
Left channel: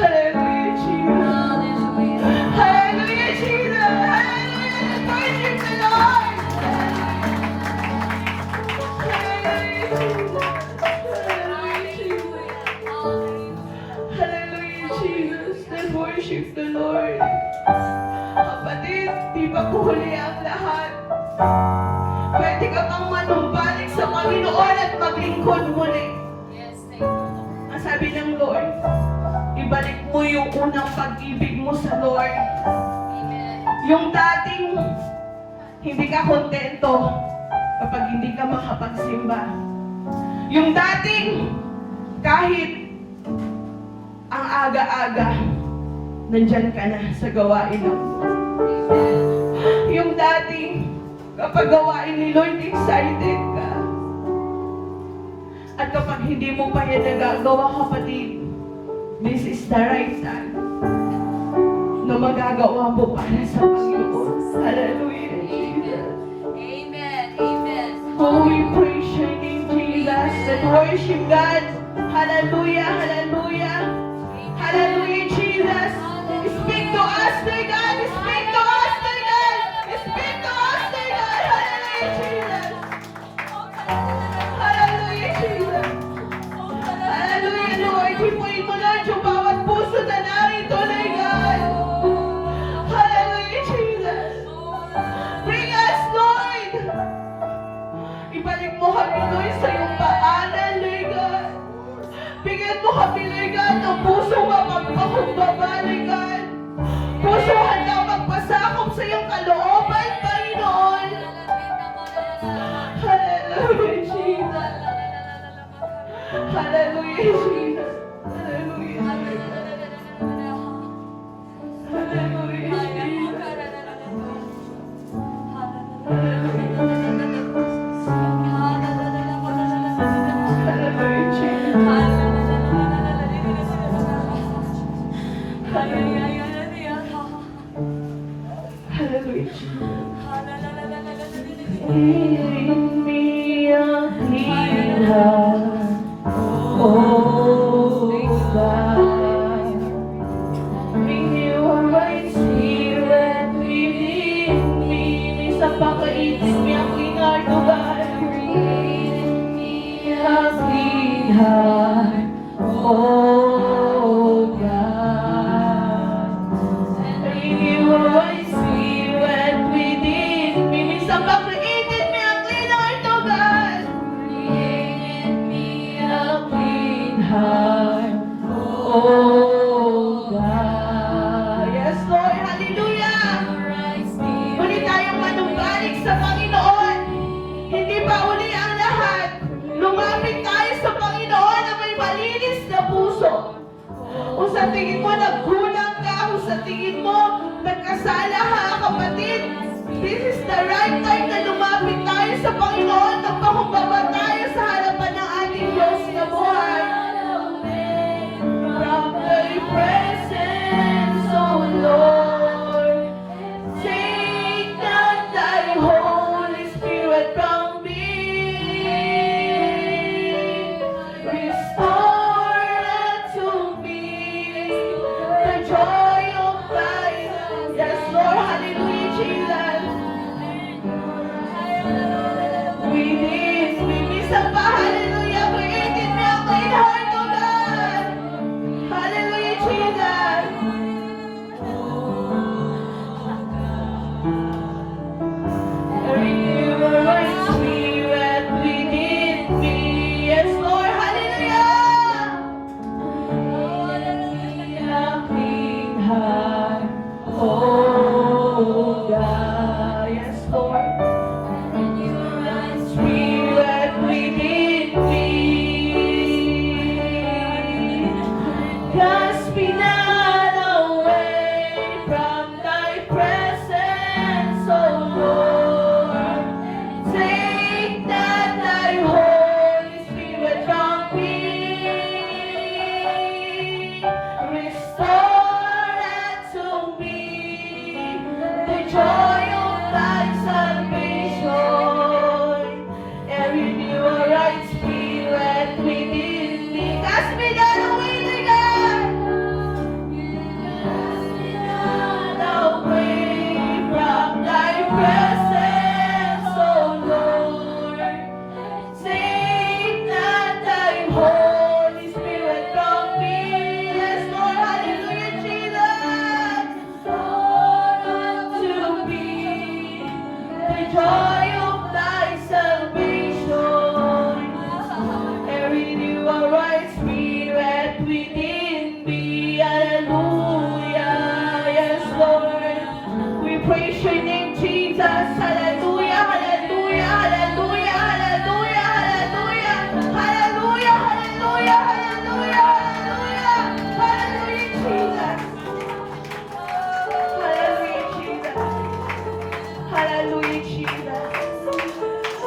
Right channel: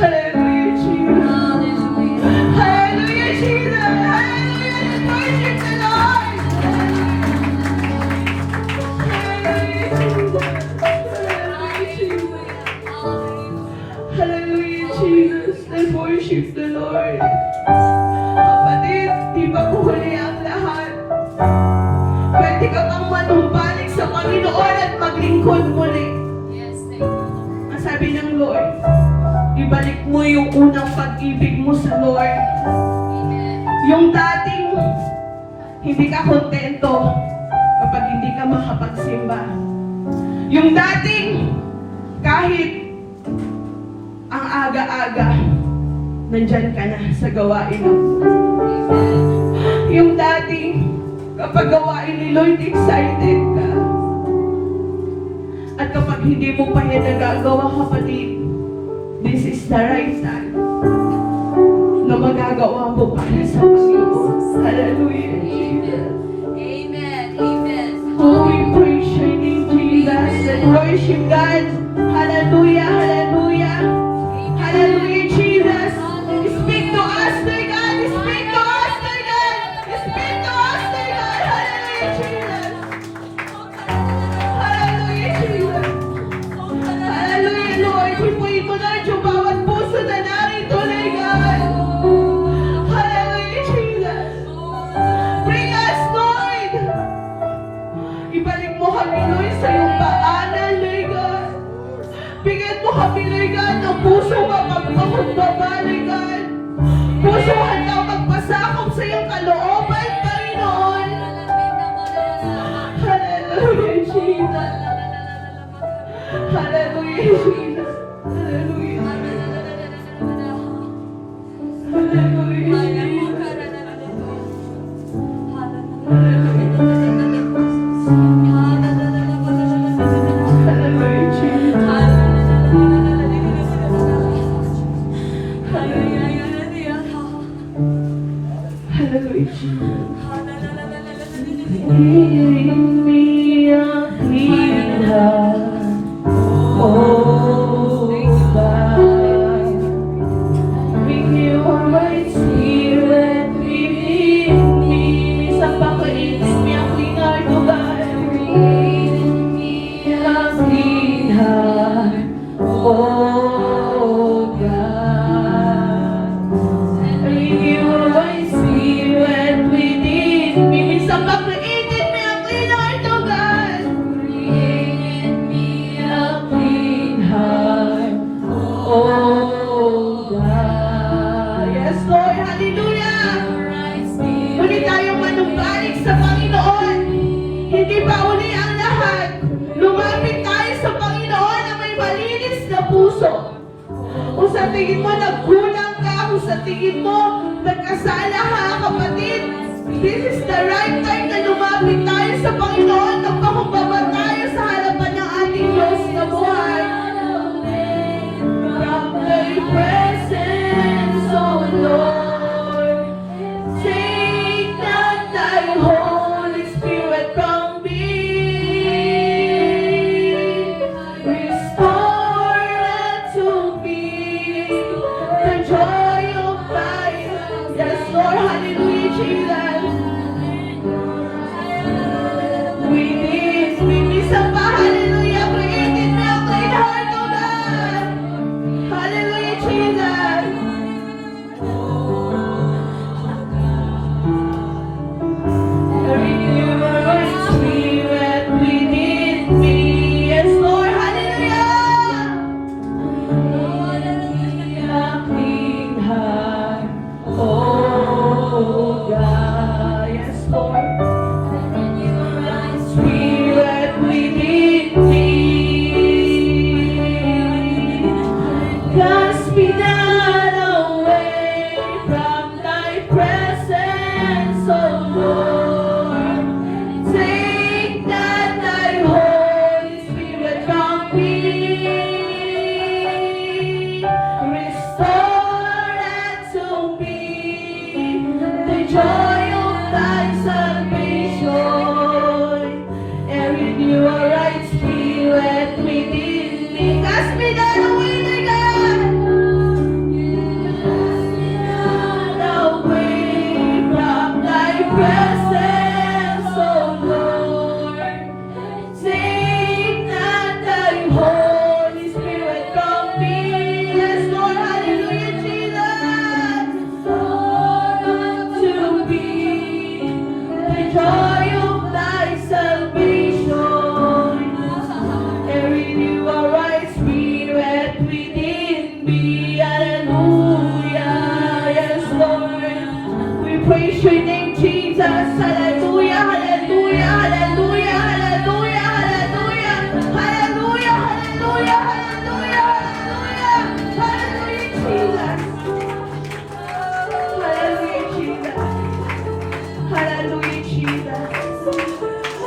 Hallelujah, Jesus. Hallelujah, Jesus. Hallelujah. Worship the Lord. Hallelujah, Jesus. Let's worship the Lord. Kapatid, di ba huli ang lahat? Pwede ka pang manumbalik sa Panginoon at maglingkod muli. Ang sabi ng Lord, ibalik mo yung unang pag-ibig mo sa Lord. Yung dating hindi ka kontento kapag hindi ka makapagsimba. Yung dating kahit ang aga-aga, nandyan ka na sa gawain ng Lord. Yung dating kapag gawain ni Lord, excited ka. pag hindi mo pa yan nagagawa, kapatid, this is the right time na magagawa po para sa Panginoon. Hallelujah. Amen. Amen. Oh, we praise your name, Jesus, and worship God. Hallelujah, hallelujah. Hallelujah, Jesus. Speak to us, my God. Speak to us, my God. Speak to us, my God. Hallelujah, Jesus. Hallelujah, Jesus. Hallelujah, Lord. Hipuin ko na yung bawat puso na narito, my God. Hallelujah, Jesus. Bring us, Lord. Ibalik mo kami, Lord, sa iyong paanan, Lord God. Bigyan mo kami, Lord God, ng puso mapagpakumbaba, Lord God. Puso hanggang magpasakop sa iyong kalooban, Panginoon. Hallelujah, Jesus. Hallelujah, Jesus. Hallelujah. Hallelujah, Jesus. Hallelujah, Jesus. Hallelujah, Jesus. Give me a clean heart, oh God. Renew my spirit within me. Sa pakainis, may a clean heart, oh God. Give me a clean heart, oh God. Renew my spirit within me. Minsan pag naiinit, may a clean heart, oh God. Give me a clean heart, oh God. Yes, Lord. Hallelujah. Muli tayong manumbalik sa Panginoon. Hindi pa uli ang lahat. Lumapit tayo sa Panginoon na may malinis na puso. Kung sa tingin mo nagkulang ka, kung sa tingin mo nagkasala ka, kapatid, this is the right time na lumapit tayo sa Panginoon, nagpakumbaba tayo sa harapan ng ating Diyos na buhay. From thy presence, O Lord, take not thy Holy Spirit from me. Restore unto me the joy of thy. Yes, Lord, hallelujah, Jesus. Within me, isang pa, hallelujah, created me a clean heart, O God. Hallelujah, Jesus. Renew my spirit within me. Yes, Lord, hallelujah. A clean heart, oh God. Yes, Lord. Renew my spirit within me. Cast me not away from thy presence, O Lord. Take not thy Holy Spirit from me. Restore unto me the joy of thy salvation, and renew a right spirit within me. Cast me not away, my God. Cast me not away from thy presence, O Lord. Take not thy Holy Spirit from me. Yes, Lord, hallelujah, Jesus. To be the joy of thy salvation, and renew a right spirit within me. Hallelujah. Yes, Lord. We praise your name, Jesus. Hallelujah, hallelujah, hallelujah, hallelujah, hallelujah, hallelujah, hallelujah, hallelujah, hallelujah, hallelujah, Jesus. Hallelujah, Jesus.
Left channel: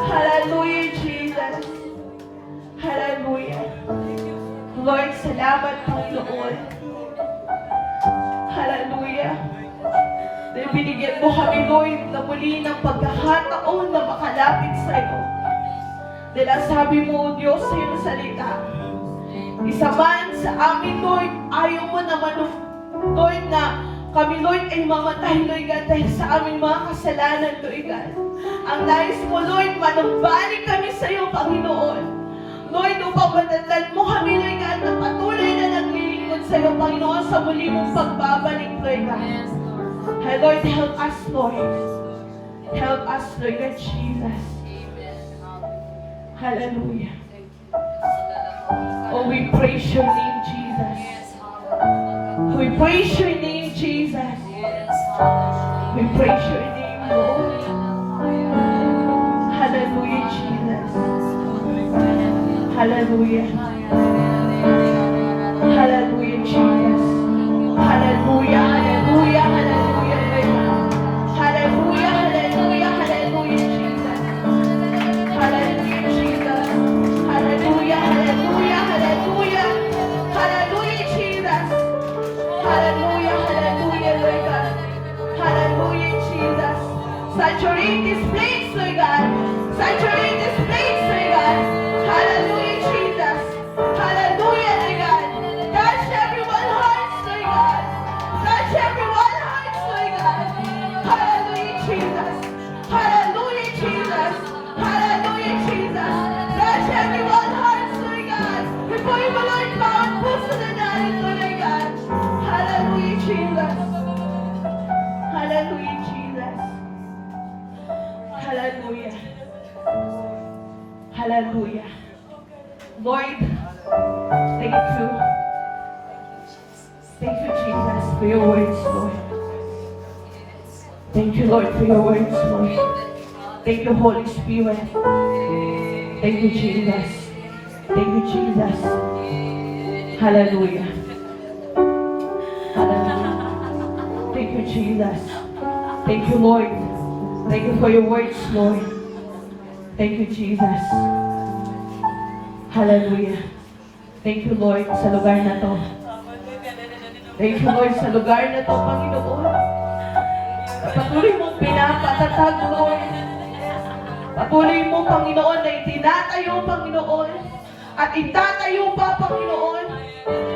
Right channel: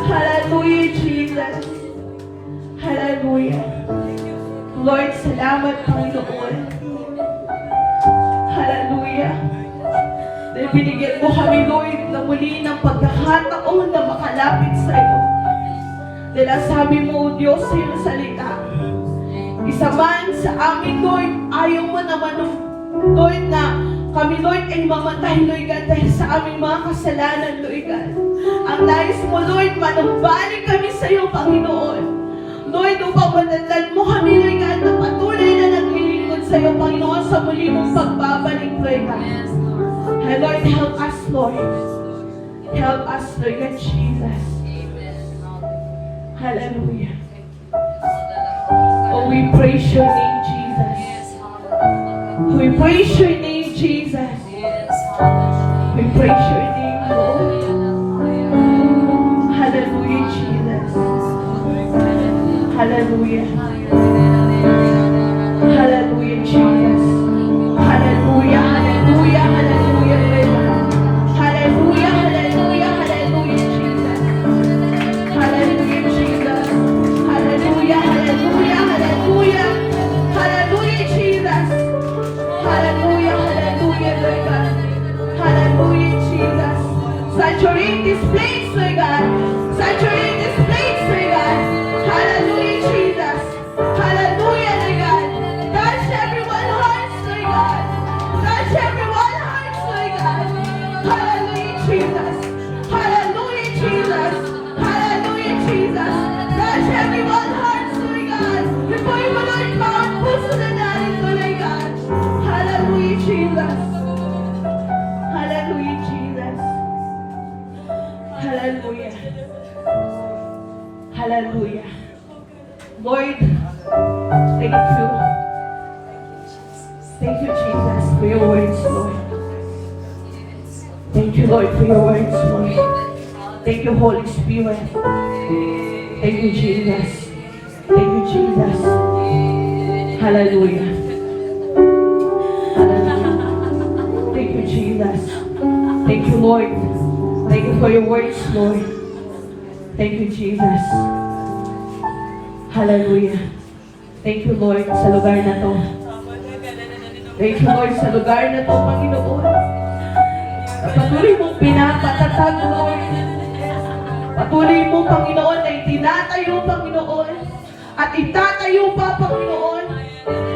Hallelujah, Jesus. Hallelujah. binigyan mo kami, Lord, na muli ng pagkakataon na makalapit sa iyo. Dahil ang sabi mo, Diyos, sa iyong salita, isa man sa amin, Lord, ayaw mo naman, Lord, na kami, Lord, ay mamatay, Lord God, dahil sa aming mga kasalanan, Lord God. Ang nais mo, Lord, manumbalik kami sa iyo, Panginoon. Lord, upang matatag mo kami, Lord God, na patuloy na naglilingkod sa iyo, Panginoon, sa muli mong pagbabalik, Lord God. And Lord, help us, Lord. Help us, Lord God, Jesus. Hallelujah. Oh, we praise your name, Jesus. We praise your name, Jesus. We praise your name, Lord. Hallelujah, Jesus. Hallelujah. Hallelujah, Jesus. Hallelujah, hallelujah, hallelujah, Lord. Hallelujah, hallelujah, hallelujah, Jesus. Hallelujah, Jesus. Hallelujah, hallelujah, hallelujah. Hallelujah, Jesus. Hallelujah, hallelujah, Lord God. Hallelujah, Jesus. Saturate this place, Lord God. Saturate this place, Lord God. Hallelujah, Jesus. Hallelujah, Lord God. Touch everyone's hearts, Lord God. Touch everyone's hearts, Lord God. Hallelujah, Jesus. Hallelujah, Jesus. Hallelujah, Jesus. Touch everyone's hearts, Lord God. Before you, Lord God, puso na narito, Lord God. Hallelujah, Jesus. Hallelujah, Jesus. Hallelujah. Hallelujah. Lord, thank you. Thank you, Jesus, for your words, Lord. Thank you, Lord, for your words, Lord. Thank you, Holy Spirit. Thank you, Jesus. Thank you, Jesus. Hallelujah. Hallelujah. Thank you, Jesus. Thank you, Lord. Thank you for your words, Lord. Thank you, Jesus. Hallelujah. Thank you, Lord, sa lugar na to. Thank you, Lord, sa lugar na to, Panginoon. Patuloy mong pinapatatag, Lord. Patuloy mo, Panginoon, na itinatayo, Panginoon. At itatayo pa, Panginoon.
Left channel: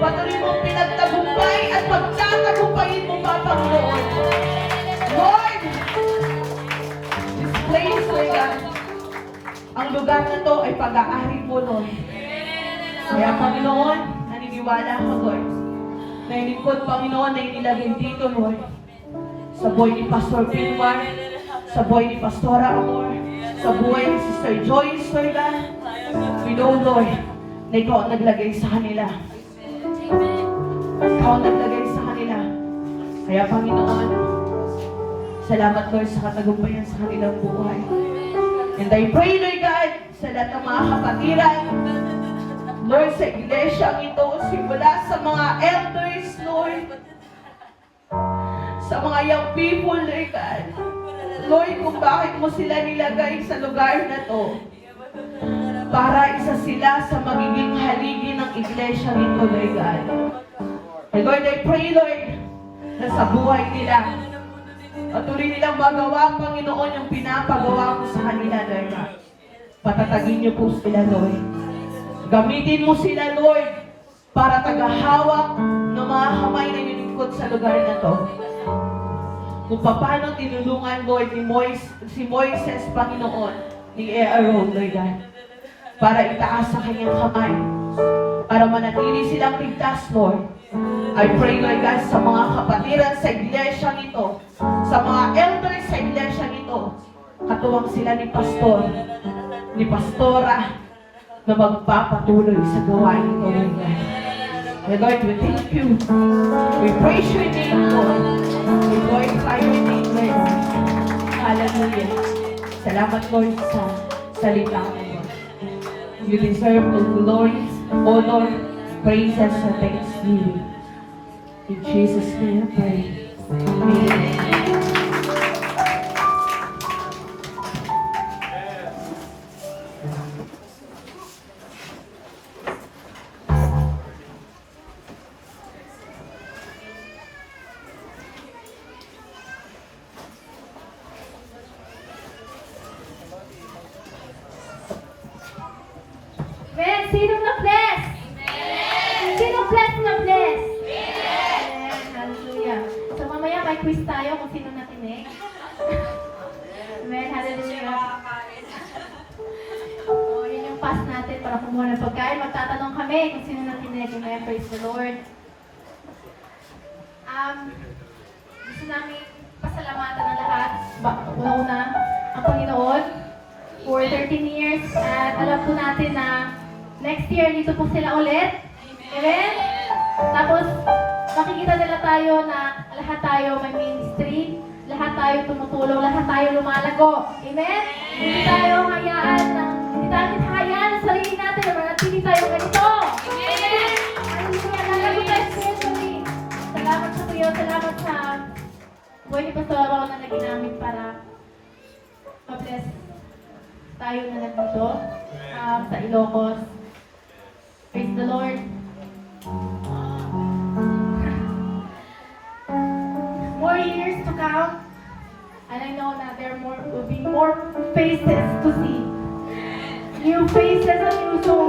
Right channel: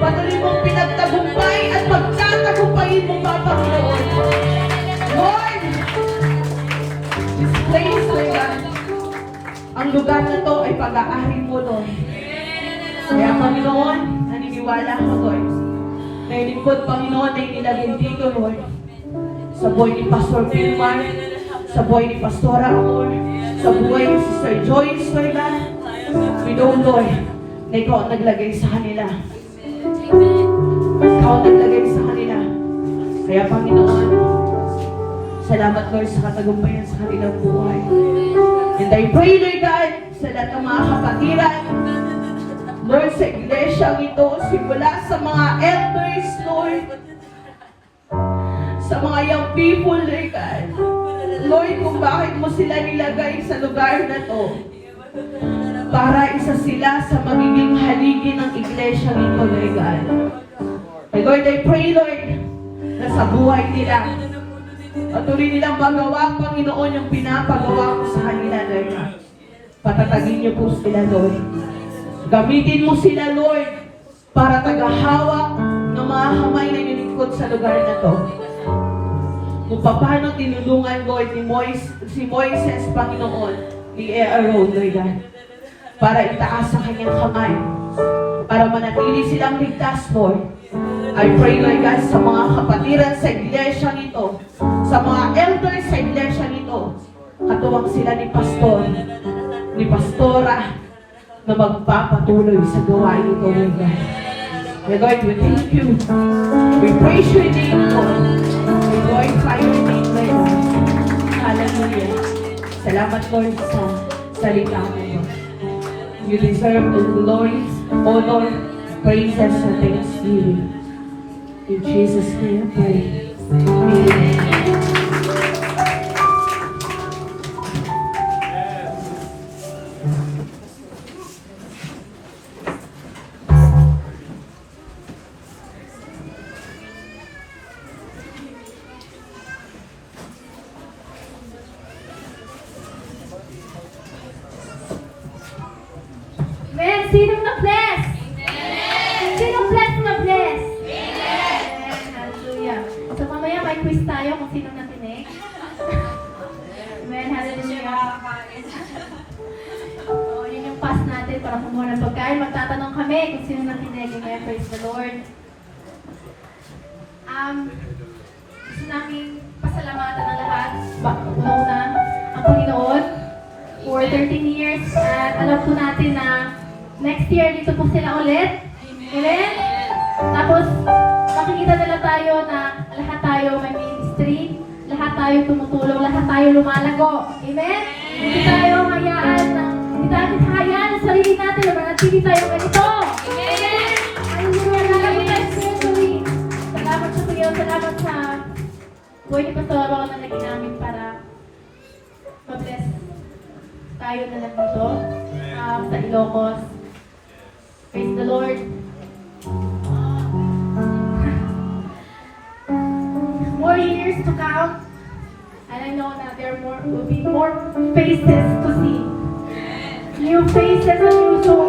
Patuloy mong pinagtagumpay at pagtatagumpayin mo pa, Panginoon. Lord, this place, Lord God, ang lugar na to ay pag-aari mo, Lord. Kaya, Panginoon, naniniwala ko, Lord, na ilingkod, Panginoon, na inilagay dito, Lord, sa buhay ni Pastor Pilmar, sa buhay ni Pastora Amor, sa buhay ni Sister Joyce, Lord God. We know, Lord, na ikaw ang naglagay sa kanila. Ikaw ang naglagay sa kanila. Kaya, Panginoon, salamat, Lord, sa katagumpayan sa kanilang buhay. And I pray, Lord God, sa lahat ng mga kapatiran, Lord, sa iglesia ito, simula sa mga elders, Lord, sa mga young people, Lord God. Lord, kung bakit mo sila nilagay sa lugar na to, para isa sila sa magiging haligi ng iglesia nito, Lord God. And Lord, I pray, Lord, na sa buhay nila, patuloy nilang magawa, Panginoon, yung pinapagawa mo sa kanila, Lord. Patatagin niyo po sila, Lord. Gamitin mo sila, Lord, para tagahawak ng mga kamay na nilingkod sa lugar na to. Kung paano tinulungan, Lord, si Moises, Panginoon, ni Aaron, Lord, para itaas sa kanyang kamay, para manatili silang ligtas, Lord. I pray, Lord God, sa mga kapatiran sa iglesia nito, sa mga elders sa iglesia nito, katuwang sila ni Pastor, ni Pastora, na magpapatuloy sa gawain nito, Lord God. Lord, we thank you. We praise your name, Lord. We glorify your name, Lord. Hallelujah. Salamat, Lord, sa salita mo. You deserve all glory, honor, praises, and thanksgiving. In Jesus' name, I pray. Amen. quiz tayo kung sino nakinig. Amen, hallelujah. Oo, yun yung pass natin para kumuha ng pagkain. Magtatanong kami kung sino nakinig. Amen, praise the Lord. Gusto namin pasalamatan ang lahat. Una, ang Panginoon for 13 years. At alam po natin na next year, dito po sila ulit. Amen? Tapos, makikita nila tayo na lahat tayo may ministry, lahat tayo tumutulong, lahat tayo lumalago. Amen? Hindi tayo hayaan sa sarili natin na hindi tayo ganito. Amen? Salamat sa Kuya, salamat sa buhay ni Pastor Ron na naging namin para ma-bless tayo na nandito sa Ilocos. Praise the Lord. More years to come. And I know that there will be more faces to see. New faces and new souls.